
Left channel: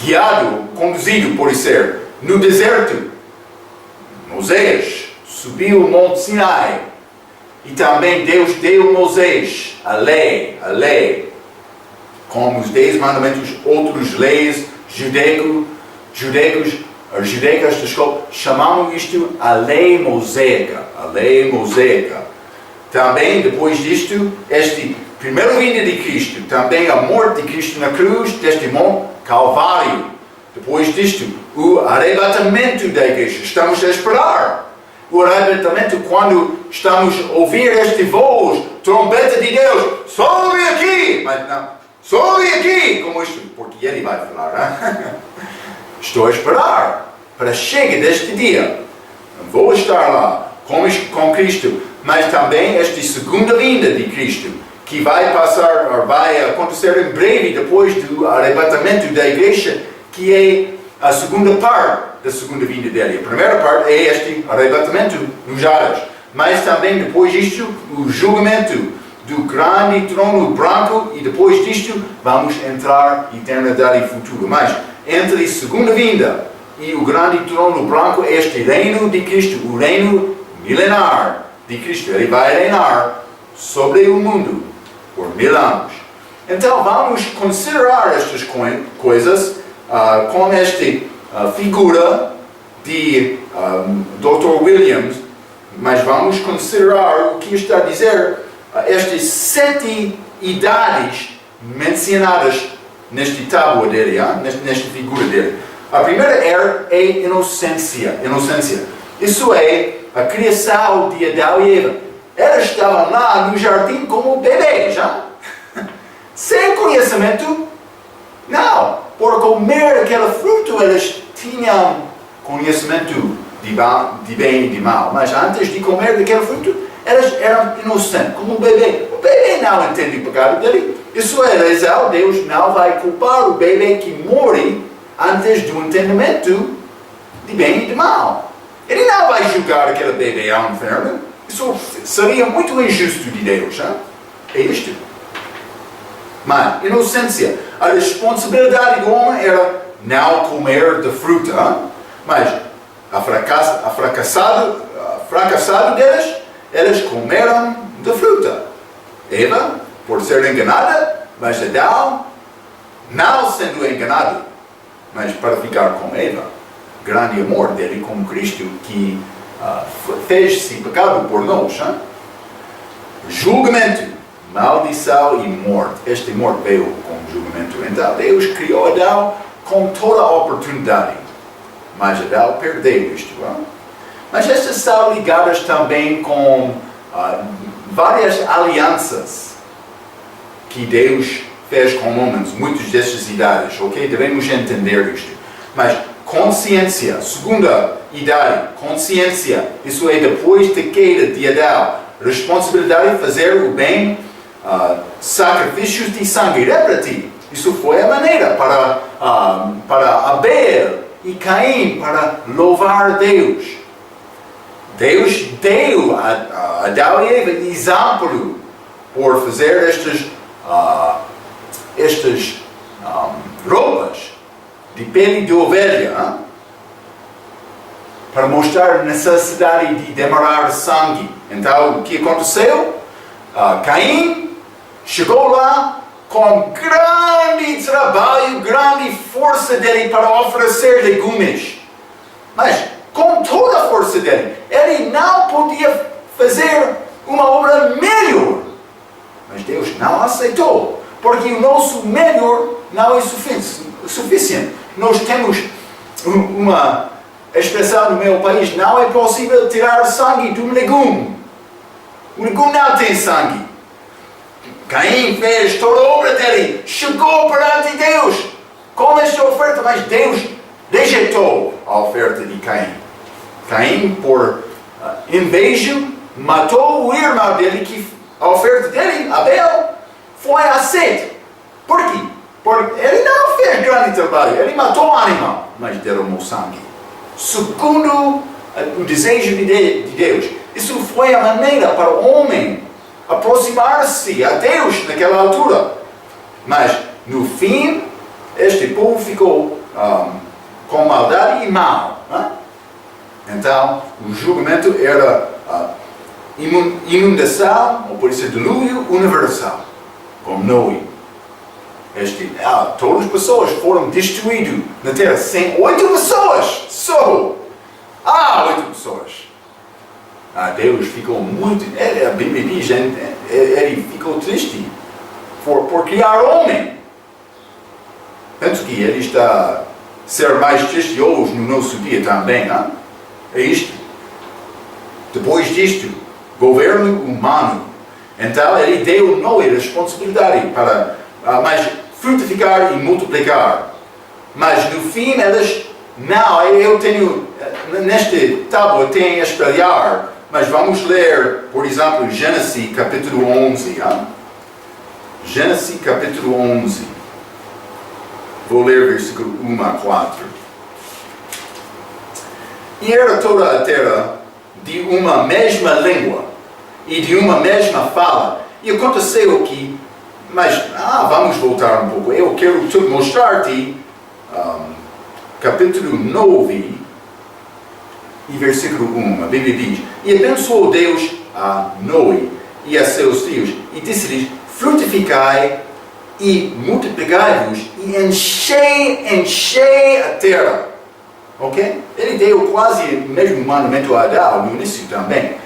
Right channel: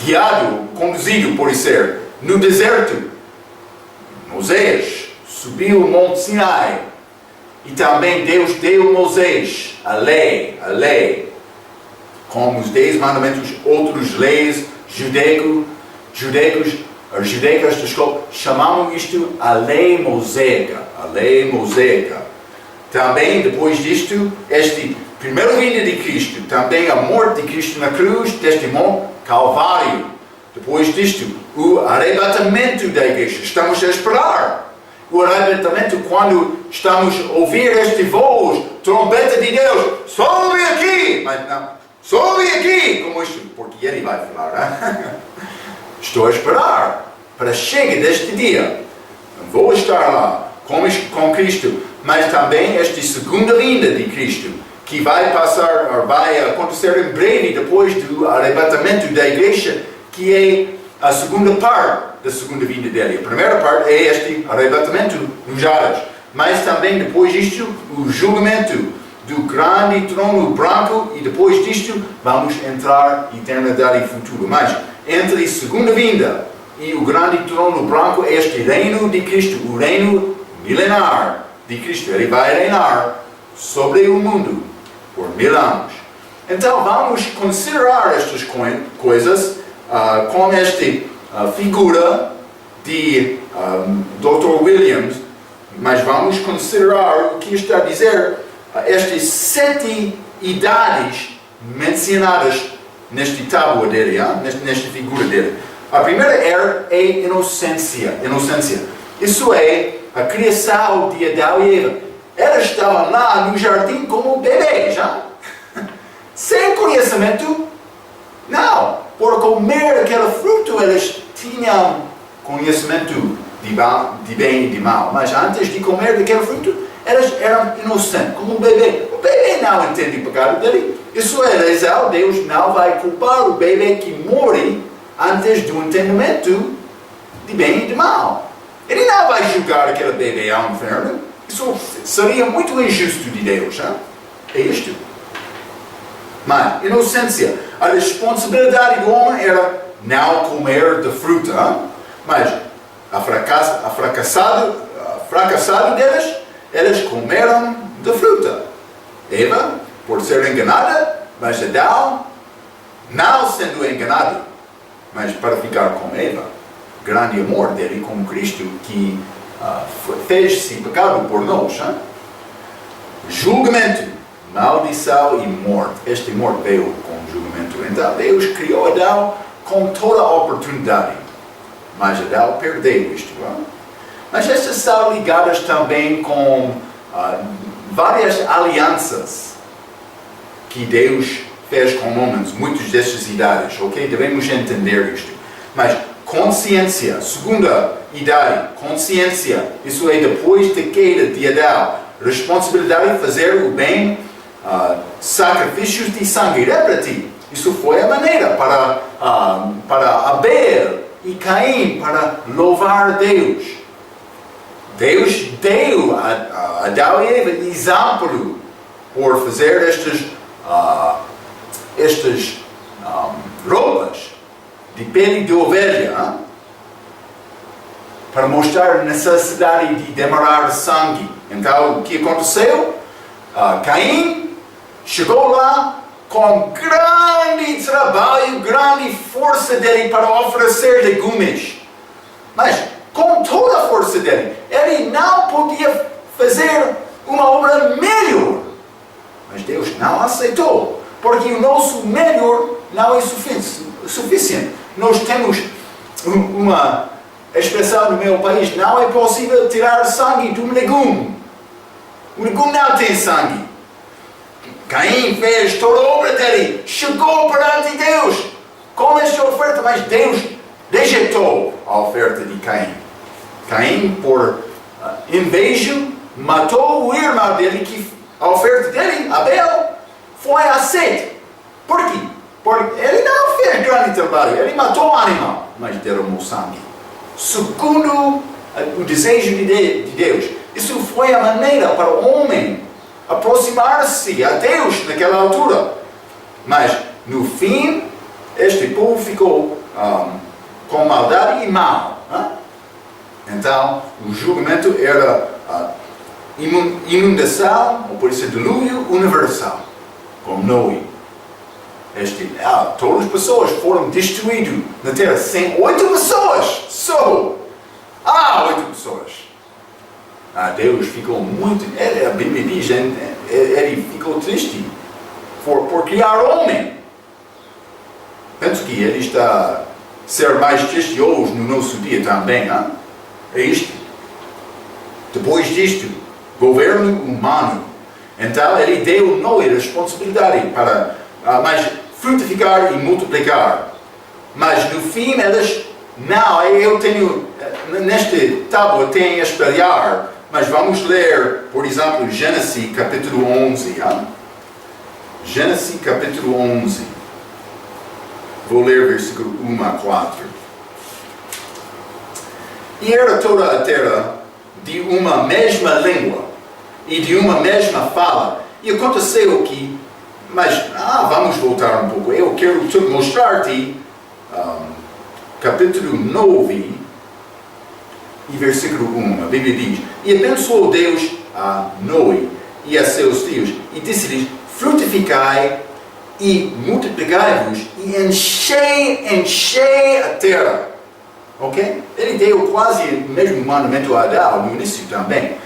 guiado, conduzido, por ser, no deserto. Moisés subiu o Monte Sinai e também Deus deu a Moisés a lei, como os 10 mandamentos, outras leis judaicas, chamamos isto a lei mosaica, Também, depois disto, este primeiro vinda de Cristo, também a morte de Cristo na cruz, deste Monte Calvário. Depois disto, o arrebatamento da igreja. Estamos a esperar o arrebatamento quando estamos a ouvir este voz, trombeta de Deus, sobe aqui! Mas não, Só ali aqui, como isto, porque ele vai falar, né? Estou a esperar para chegar deste dia. Vou estar lá com Cristo, mas também esta segunda vinda de Cristo, que vai acontecer em breve depois do arrebatamento da igreja, que é a segunda parte da segunda vinda dele. A primeira parte é este arrebatamento nos ares, mas também depois disto, o julgamento do grande trono branco, e depois disto vamos entrar em eternidade futura. Mas entre a segunda vinda e o grande trono branco, este reino de Cristo, o reino milenar de Cristo, ele vai reinar sobre o mundo por 1000 anos. Então vamos considerar estas coisas com esta figura de Dr. Williams, mas vamos considerar o que está a dizer estas 7 idades mencionadas nesta tábua dele, nesta figura dele. A primeira era a inocência. Isso é a criação de Adão e Eva. Elas estavam lá no jardim como bebês, sem conhecimento. Não, por comer aquele fruto elas tinham conhecimento de bem e de mal. Mas antes de comer daquele fruto, elas eram inocentes, como um bebê. O bebê não entende o pecado dele. Isso é razão, Deus não vai culpar o bebê que morre antes do entendimento de bem e de mal. Ele não vai julgar aquele bebê ao inferno. Isso seria muito injusto de Deus. É isto. Mas, inocência. A responsabilidade do homem era não comer da fruta. Mas, fracassado deles, eles comeram da fruta. Eva, por ser enganada, mas Adão, não sendo enganado, mas para ficar com Eva. Grande amor dele com Cristo, que fez-se pecado por nós. Julgamento, maldição e morte. Esta morte veio com julgamento. Então Deus criou Adão com toda a oportunidade, mas Adão perdeu isto. Mas estas estão ligadas também com várias alianças que Deus fez com homens, muitas destas idades, ok? Devemos entender isto. Mas consciência, segunda idade, consciência, isso é depois da queda de Adão, responsabilidade de fazer o bem, sacrifícios de sangue, repete, isso foi a maneira para Abel e Caim, para louvar Deus. Deus deu a Adão e Eva exemplo por fazer estas roupas de pele de ovelha, para mostrar a necessidade de derramar sangue. Então, o que aconteceu? Caim chegou lá com grande trabalho, grande força dele para oferecer legumes. Mas, com toda a força dele, ele não podia fazer uma obra melhor. Mas Deus não aceitou, porque o nosso melhor não é suficiente. Nós temos uma expressão no meu país: não é possível tirar sangue de um legume. O legume não tem sangue. Caim fez toda a obra dele, chegou perante Deus com esta oferta, mas Deus rejeitou a oferta de Caim. Caim, por inveja, matou o irmão dele, que a oferta dele, Abel, foi aceita. Por quê? Porque ele não fez grande trabalho, ele matou o animal, mas derramou sangue. Segundo o desejo de Deus. Isso foi a maneira para o homem aproximar-se a Deus naquela altura. Mas, no fim, este povo ficou com maldade e mal. Então, o julgamento era inundação, ou pode ser dilúvio universal, como Noé. Todas as pessoas foram destruídas na terra. 8 pessoas só. 8 pessoas. Deus ficou muito. A Bíblia diz, ele ficou triste por criar homem. Penso que ele está a ser mais triste hoje no nosso dia também. É isto. Depois disto, governo humano. Então ele deu Noé a responsabilidade para mas frutificar e multiplicar. Mas no fim eles, não, eu tenho, neste tábua tem espelhar, mas vamos ler, por exemplo, Gênesis capítulo 11. Gênesis capítulo 11. Vou ler versículo 1 a 4. E era toda a terra de uma mesma língua e de uma mesma fala. E aconteceu que, mas vamos voltar um pouco. Eu quero mostrar-te capítulo 9 e versículo 1. A Bíblia diz: E abençoou Deus a Noé e a seus filhos e disse-lhes: Frutificai e multiplicai-vos e enchei a terra. Ok? Ele deu quase o mesmo mandamento a Adão no início também.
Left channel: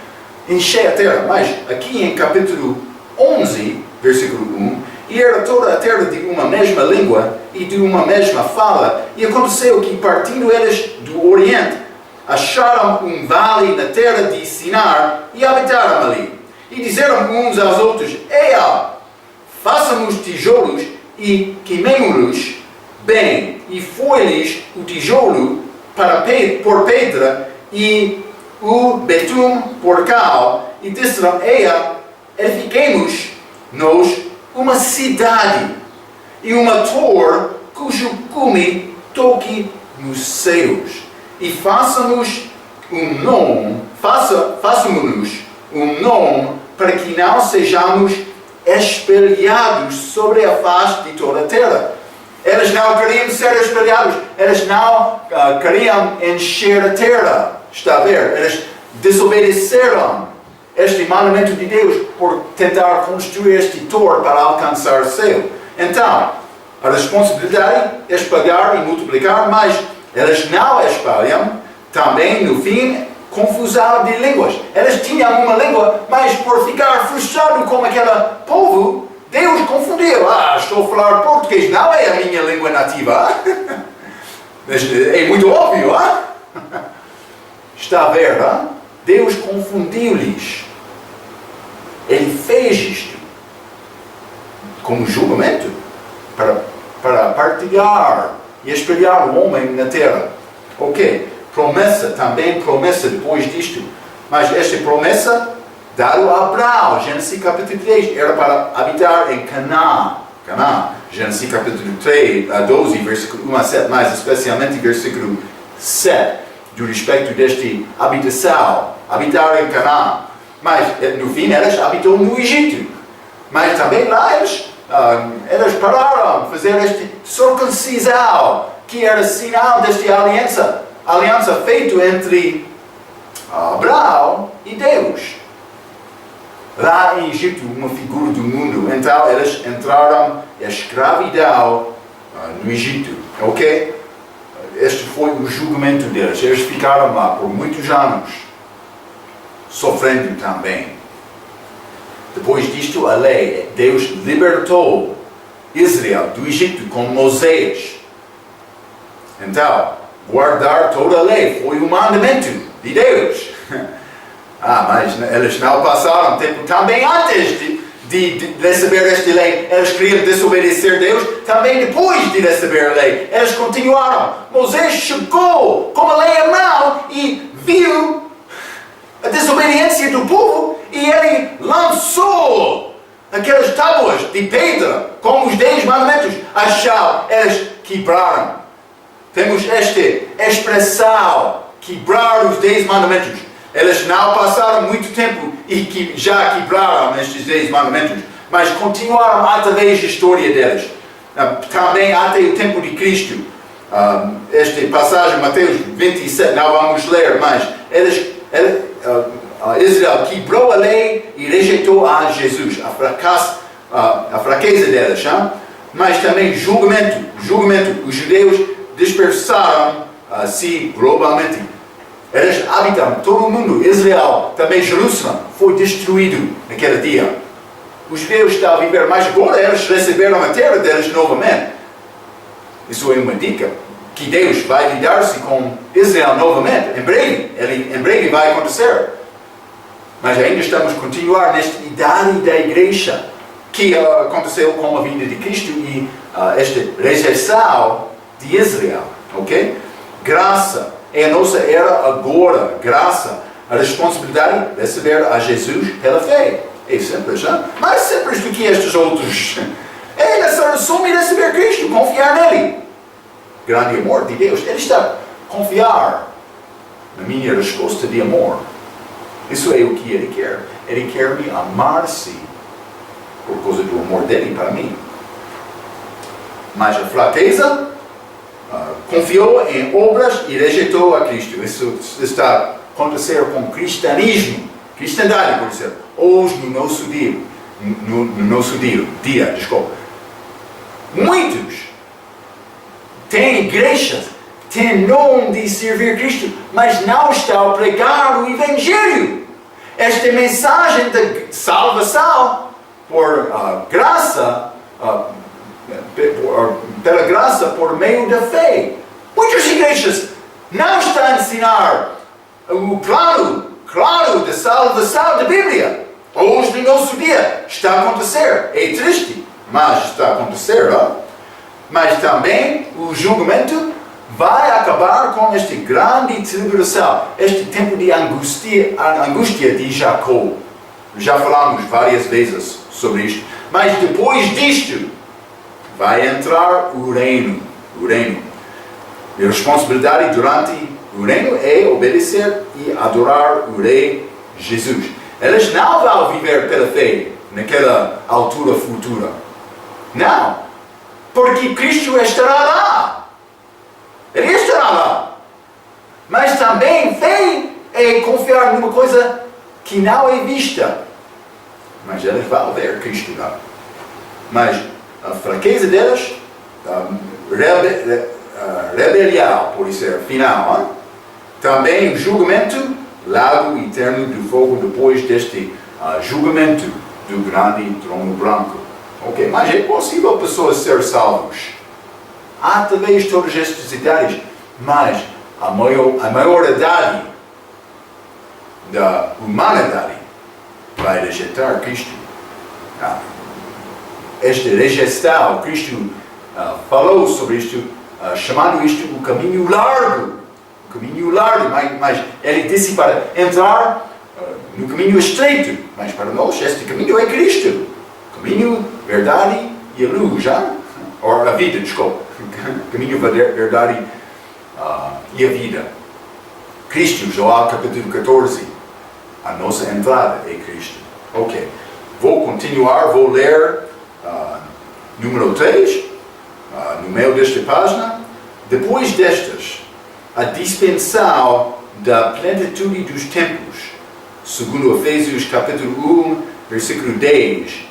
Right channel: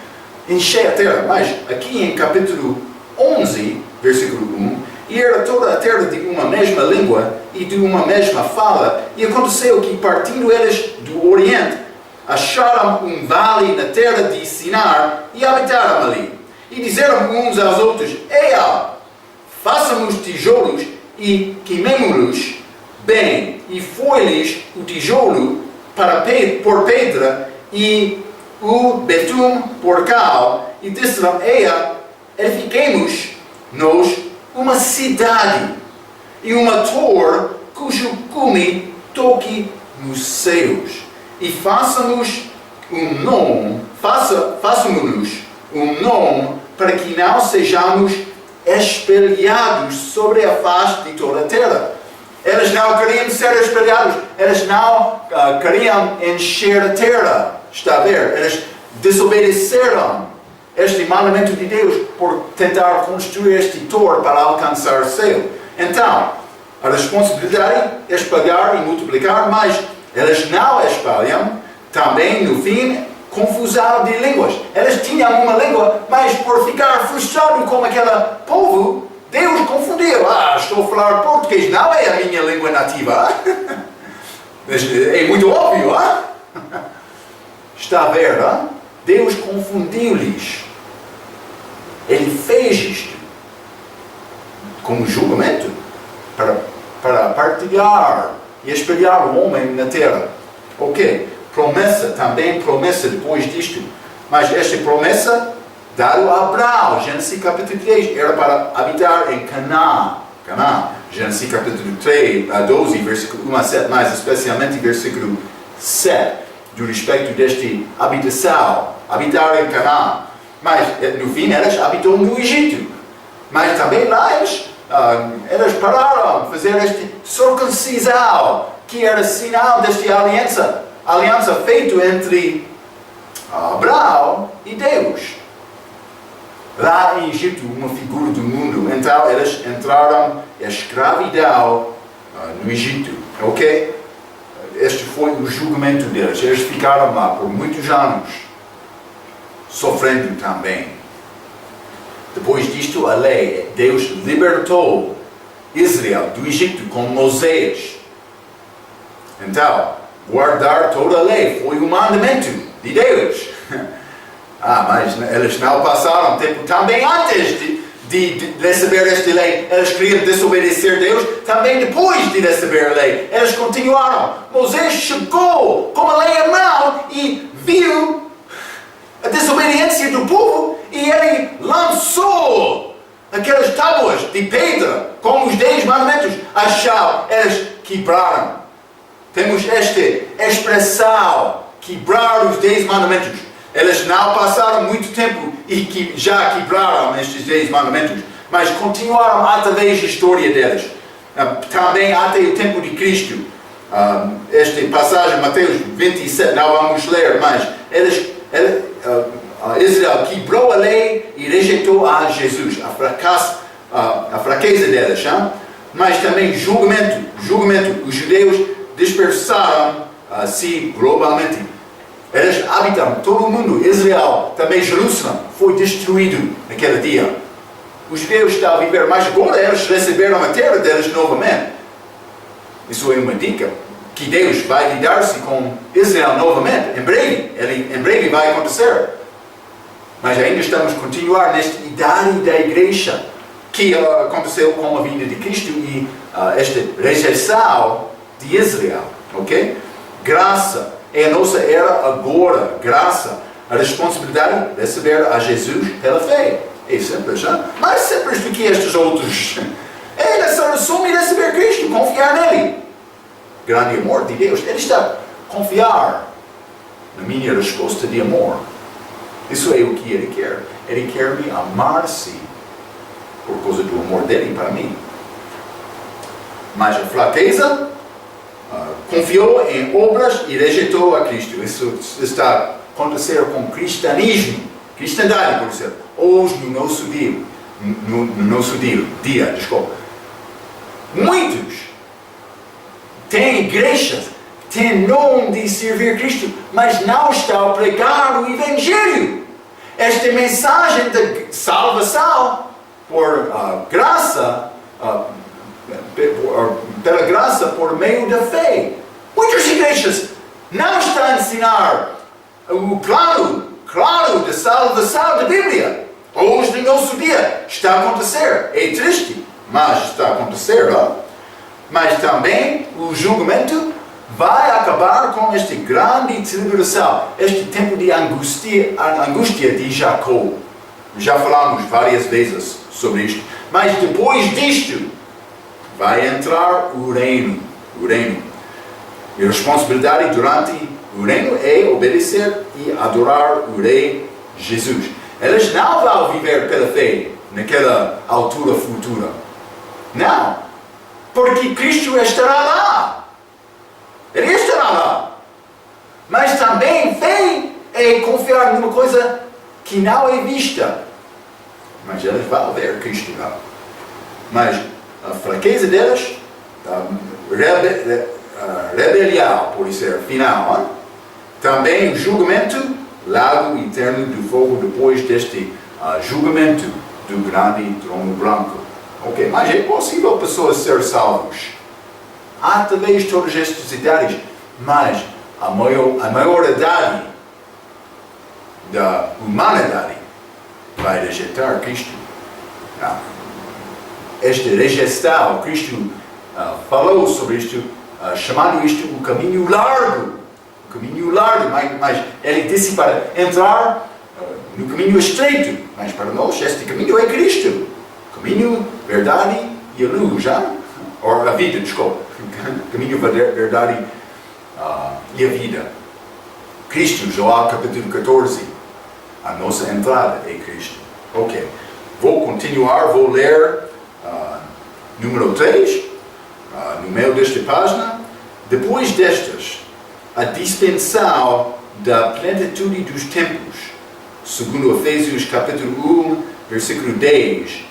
Enchei a terra. Mas aqui em capítulo 11, versículo 1, e era toda a terra de uma mesma língua e de uma mesma fala. E aconteceu que, partindo eles do Oriente, acharam um vale na terra de Sinar e habitaram ali. E disseram uns aos outros: Eia, façamos tijolos e queimemo-los bem. E foi-lhes o tijolo por pedra e o betume por cal. E disseram: Eia, edifiquemos nós uma cidade e uma torre cujo cume toque nos céus. E façamos um nome para que não sejamos espelhados sobre a face de toda a terra. Eles não queriam ser espelhados, eles não queriam encher a terra. Está a ver? Eles desobedeceram este mandamento de Deus por tentar construir este torre para alcançar o céu. Então, a responsabilidade é espalhar e multiplicar, mas eles não espalham. Também, no fim, confusão de línguas. Eles tinham uma língua, mas por ficar frustrado com aquele povo, Deus confundiu. Estou a falar português, não é a minha língua nativa. É muito óbvio. Está a ver? Deus confundiu-lhes. Ele fez isto como julgamento para partilhar e espelhar o homem na terra. Ok, promessa, também promessa depois disto. Mas esta promessa dada a Abraão, Gênesis capítulo 3, era para habitar em Canaã. Gênesis capítulo 12, versículo 1 a 7, mais especialmente versículo 7, do respeito desta habitação, habitar em Canaã. Mas no fim eles habitam no Egito. Mas também lá eles pararam de fazer este circuncisão, que era sinal desta aliança feita entre Abraão e Deus. Lá em Egito, uma figura do mundo. Então eles entraram em escravidão no Egito. Ok? Este foi o julgamento deles. Eles ficaram lá por muitos anos, sofrendo também. Depois disto, a lei, Deus libertou Israel do Egito com Moisés. Então, guardar toda a lei foi um mandamento de Deus. Mas eles não passaram tempo também antes de receber esta lei. Eles queriam desobedecer Deus também depois de receber a lei. Eles continuaram. Moisés chegou com a lei à mão e viu a desobediência do povo e ele lançou aquelas tábuas de pedra com os 10 mandamentos. Eles quebraram. Temos esta expressão, quebrar os 10 mandamentos. Eles não passaram muito tempo e já quebraram estes 10 mandamentos, mas continuaram através da história deles. Também até o tempo de Cristo. Esta passagem, Mateus 27, não vamos ler, mas Israel quebrou a lei e rejeitou a Jesus, a fraqueza deles. Mas também julgamento. Os judeus dispersaram-se globalmente. Eles habitam todo o mundo. Israel, também Jerusalém, foi destruído naquele dia. Os judeus estão a viver, mas agora eles receberam a terra deles novamente. Isso é uma dica, que Deus vai lidar-se com Israel novamente, em breve vai acontecer. Mas ainda estamos a continuar nesta idade da igreja. que aconteceu com a vinda de Cristo e esta rejeição de Israel, ok? Graça é a nossa era agora, graça, a responsabilidade de receber a Jesus pela fé. É simples, hein? Mais simples do que estes outros. É assumir e receber Cristo, confiar nele. Grande amor de Deus. Ele está a confiar na minha resposta de amor. Isso é o que Ele quer. Ele quer me amar-se por causa do amor dele para mim. Mas a fraqueza confiou em obras e rejeitou a Cristo. Isso está a acontecer com o cristianismo. Cristandade, por exemplo. Hoje, no nosso dia, muitos têm igrejas, têm nome de servir Cristo, mas não estão a pregar o Evangelho. Esta mensagem de salvação por graça, pela graça por meio da fé. Muitas igrejas não estão a ensinar o plano claro da salvação da Bíblia. Hoje, no nosso dia, está a acontecer. É triste, mas está a acontecer. Não? Mas também o julgamento vai acabar com esta grande tribulação, este tempo de angústia de Jacó. Já falamos várias vezes sobre isto. Mas depois disto, vai entrar o reino. E a responsabilidade durante o reino é obedecer e adorar o Rei Jesus. Eles não vão viver pela fé naquela altura futura. Não. Porque Cristo estará lá. Ele estará lá. Mas também fé é confiar numa coisa que não é vista. Mas eles vão ver Cristo lá. Mas a fraqueza deles, a rebelião, por ser final, hein? Também o julgamento, lago eterno do fogo depois deste julgamento do grande trono branco. Ok, mas é possível pessoas ser salvos através de todas estas idades, mas a maioridade da humanidade vai rejeitar Cristo. Esta rejeição, Cristo falou sobre isto, chamando isto o caminho largo. Mas ele disse para entrar no caminho estreito. Mas para nós, este caminho é Cristo. Caminho, verdade e a luz, já? Ou a vida, desculpa. Caminho, verdade e a vida. Cristo, João capítulo 14. A nossa entrada é Cristo. Ok. Vou continuar, vou ler número 3, no meio desta página. Depois destas, a dispensação da plenitude dos tempos, segundo Efésios capítulo 1, versículo 10.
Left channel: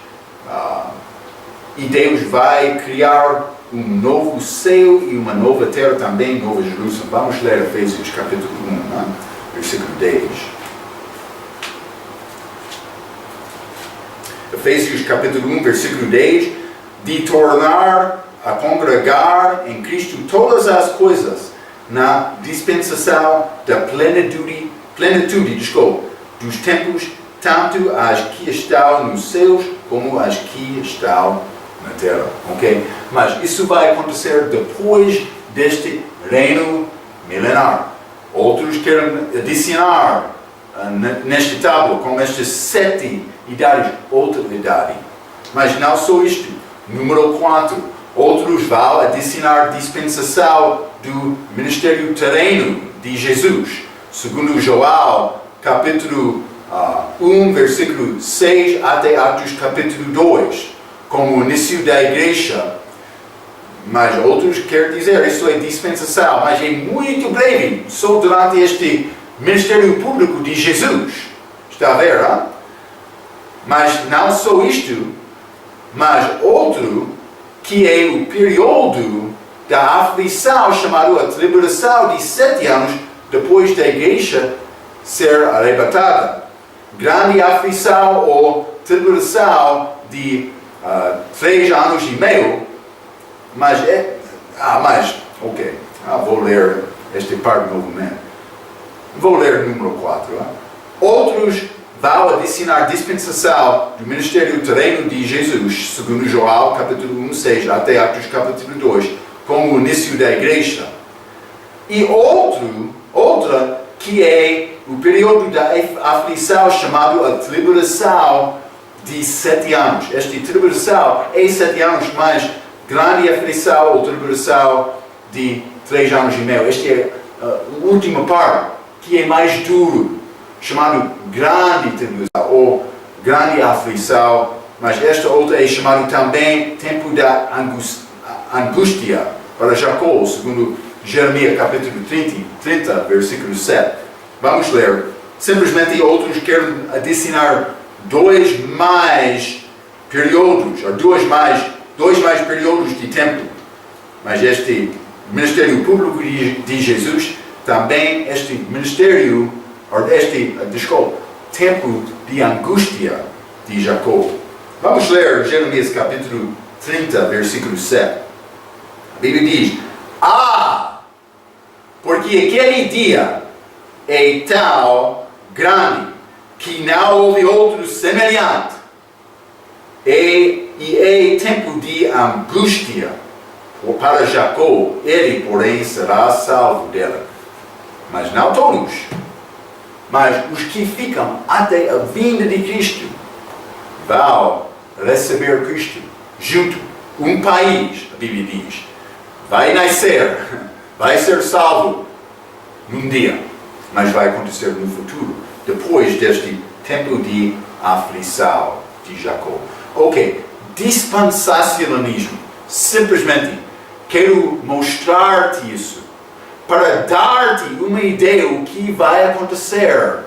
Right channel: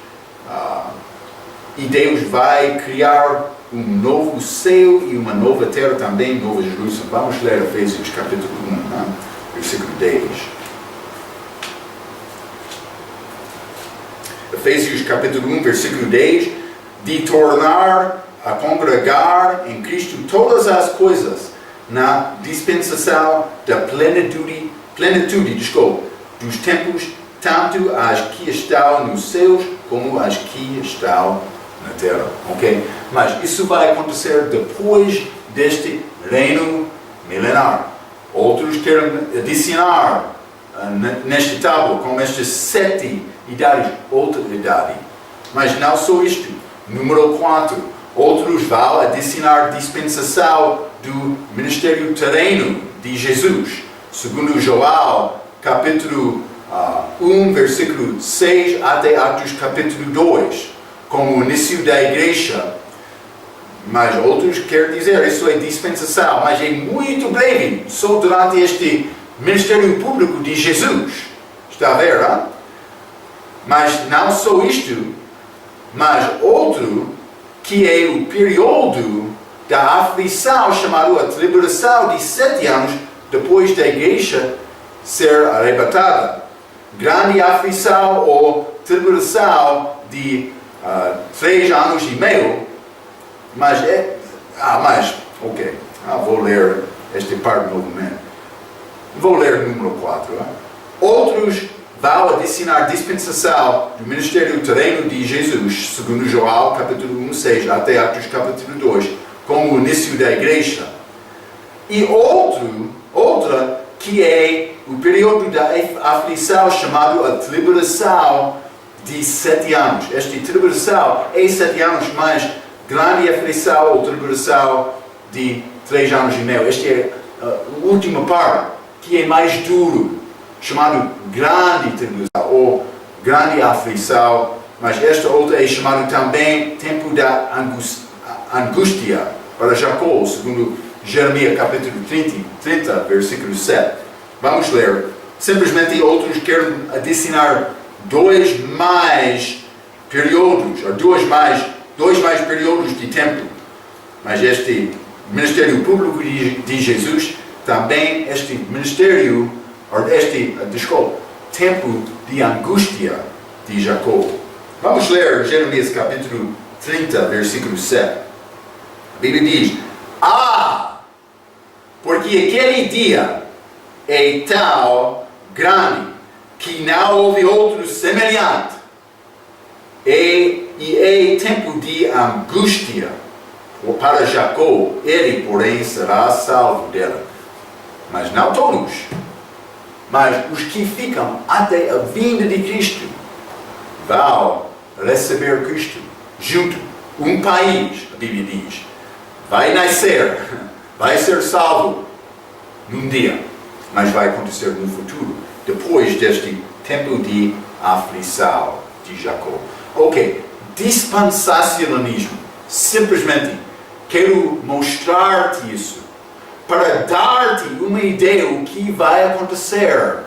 E Deus vai criar um novo céu e uma nova terra também, Nova Jerusalém. Vamos ler Efésios capítulo 1, versículo 10. Efésios capítulo 1, versículo 10. De tornar a congregar em Cristo todas as coisas, na dispensação da plenitude dos tempos, tanto as que estão nos céus como as que estão na terra. Ok? Mas isso vai acontecer depois deste reino milenar. Outros querem adicionar nesta tábua, com estas 7 idades, outra idade. Mas não só isto. Número 4. Outros vão adicionar dispensação do ministério terreno de Jesus, segundo João, capítulo 1, versículo 6, até Atos, capítulo 2, como o início da igreja. Mas outros querem dizer, isso é dispensação, mas é muito breve, só durante este ministério público de Jesus. Está a ver, hein? Mas não só isto, mas outro, que é o período da aflição, chamado a tribulação de 7 anos, depois da igreja ser arrebatada. Grande aflição ou tribulação de 3 anos e meio, mas ok, vou ler esta parte novamente. Vou ler número 4. Outros vai adicionar dispensação do ministério terreno de Jesus, segundo João capítulo 1, 6, até Atos capítulo 2, como o início da igreja. E outra que é o período da aflição chamado a tribulação de 7 anos. Esta tribulação é 7 anos, mais grande aflição ou tribulação de 3 anos e meio. Esta é a última parte, que é mais duro, chamado grande tribulação ou grande aflição. Mas esta outra é chamada também tempo da angústia para Jacó, segundo Jeremias capítulo 30, versículo 7. Vamos ler. Simplesmente outros querem adicionar dois mais períodos de tempo. Mas este ministério público de Jesus, também este ministério, tempo de angústia de Jacó. Vamos ler Jeremias capítulo 30, versículo 7. A Bíblia diz: porque aquele dia é tão grande que não houve outro semelhante, e é tempo de angústia para Jacó, ele, porém, será salvo dela. Mas não todos, mas os que ficam até a vinda de Cristo vão receber Cristo junto. Um país, a Bíblia diz, vai nascer, vai ser salvo num dia, mas vai acontecer no futuro, depois deste tempo de aflição de Jacó. Ok, dispensacionalismo. Simplesmente quero mostrar-te isso, para dar-te uma ideia do que vai acontecer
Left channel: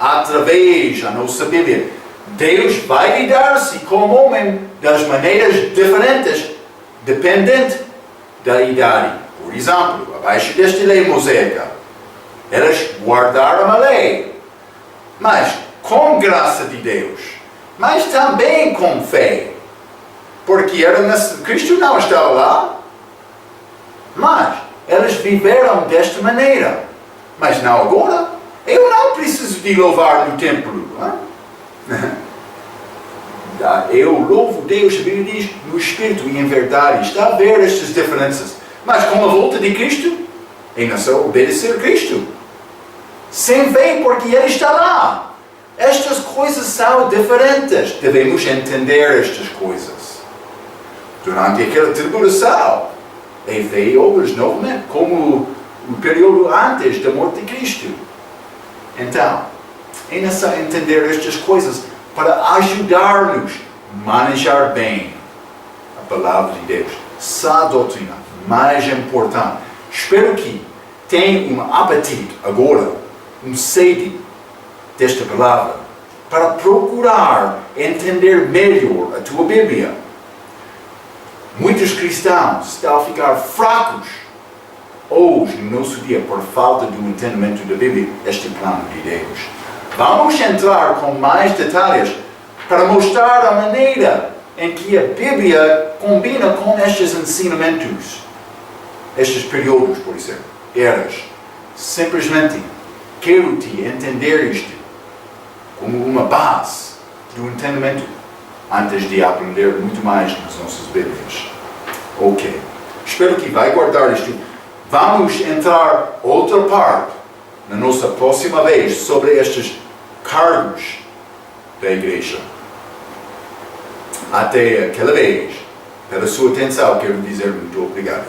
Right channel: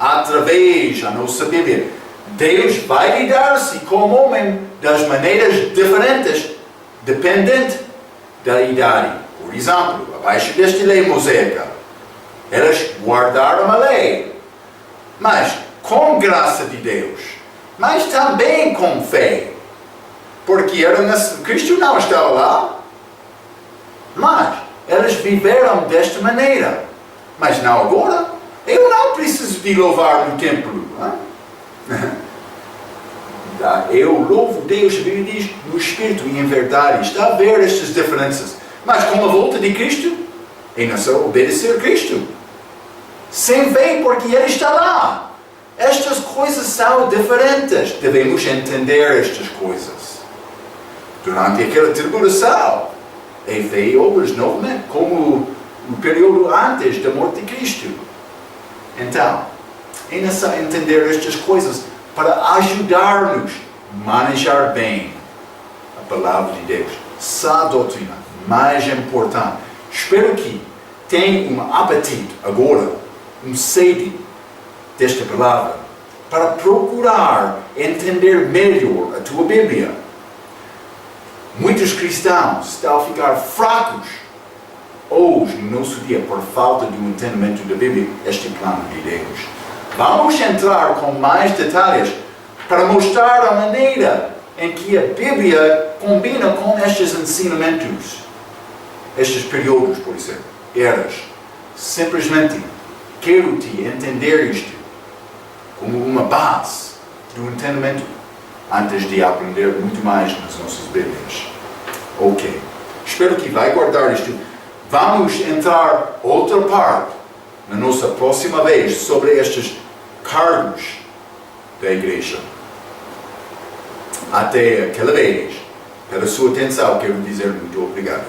através da nossa Bíblia. Deus vai lidar-se com o homem das maneiras diferentes, dependente da idade. Por exemplo, abaixo desta lei mosaica, elas guardaram a lei, mas com graça de Deus, mas também com fé, porque Cristo não estava lá, mas elas viveram desta maneira. Mas não agora. Eu não preciso de louvar no templo. Eu louvo Deus, a Bíblia diz, no Espírito e em verdade. Está a ver estas diferenças. Mas com a volta de Cristo, é necessário obedecer Cristo. Sem fé, porque Ele está lá. Estas coisas são diferentes. Devemos entender estas coisas. Durante aquela tribulação, é fé e obras novamente, como o período antes da morte de Cristo. Então, é necessário entender estas coisas para ajudar-nos a manejar bem a palavra de Deus. Essa doutrina mais importante. Espero que tenha um apetite agora, um sede desta palavra, para procurar entender melhor a tua Bíblia. Muitos cristãos estão a ficar fracos hoje, no nosso dia, por falta do entendimento da Bíblia, este plano de Deus. Vamos entrar com mais detalhes para mostrar a maneira em que a Bíblia combina com estes ensinamentos, estes períodos, por exemplo, eras. Simplesmente quero te entender isto como uma base do entendimento, antes de aprender muito mais nas nossas Bíblias. Ok. Espero que vai guardar isto. Vamos entrar outra parte na nossa próxima vez sobre estes cargos da igreja. Até aquela vez, pela sua atenção, quero dizer muito obrigado.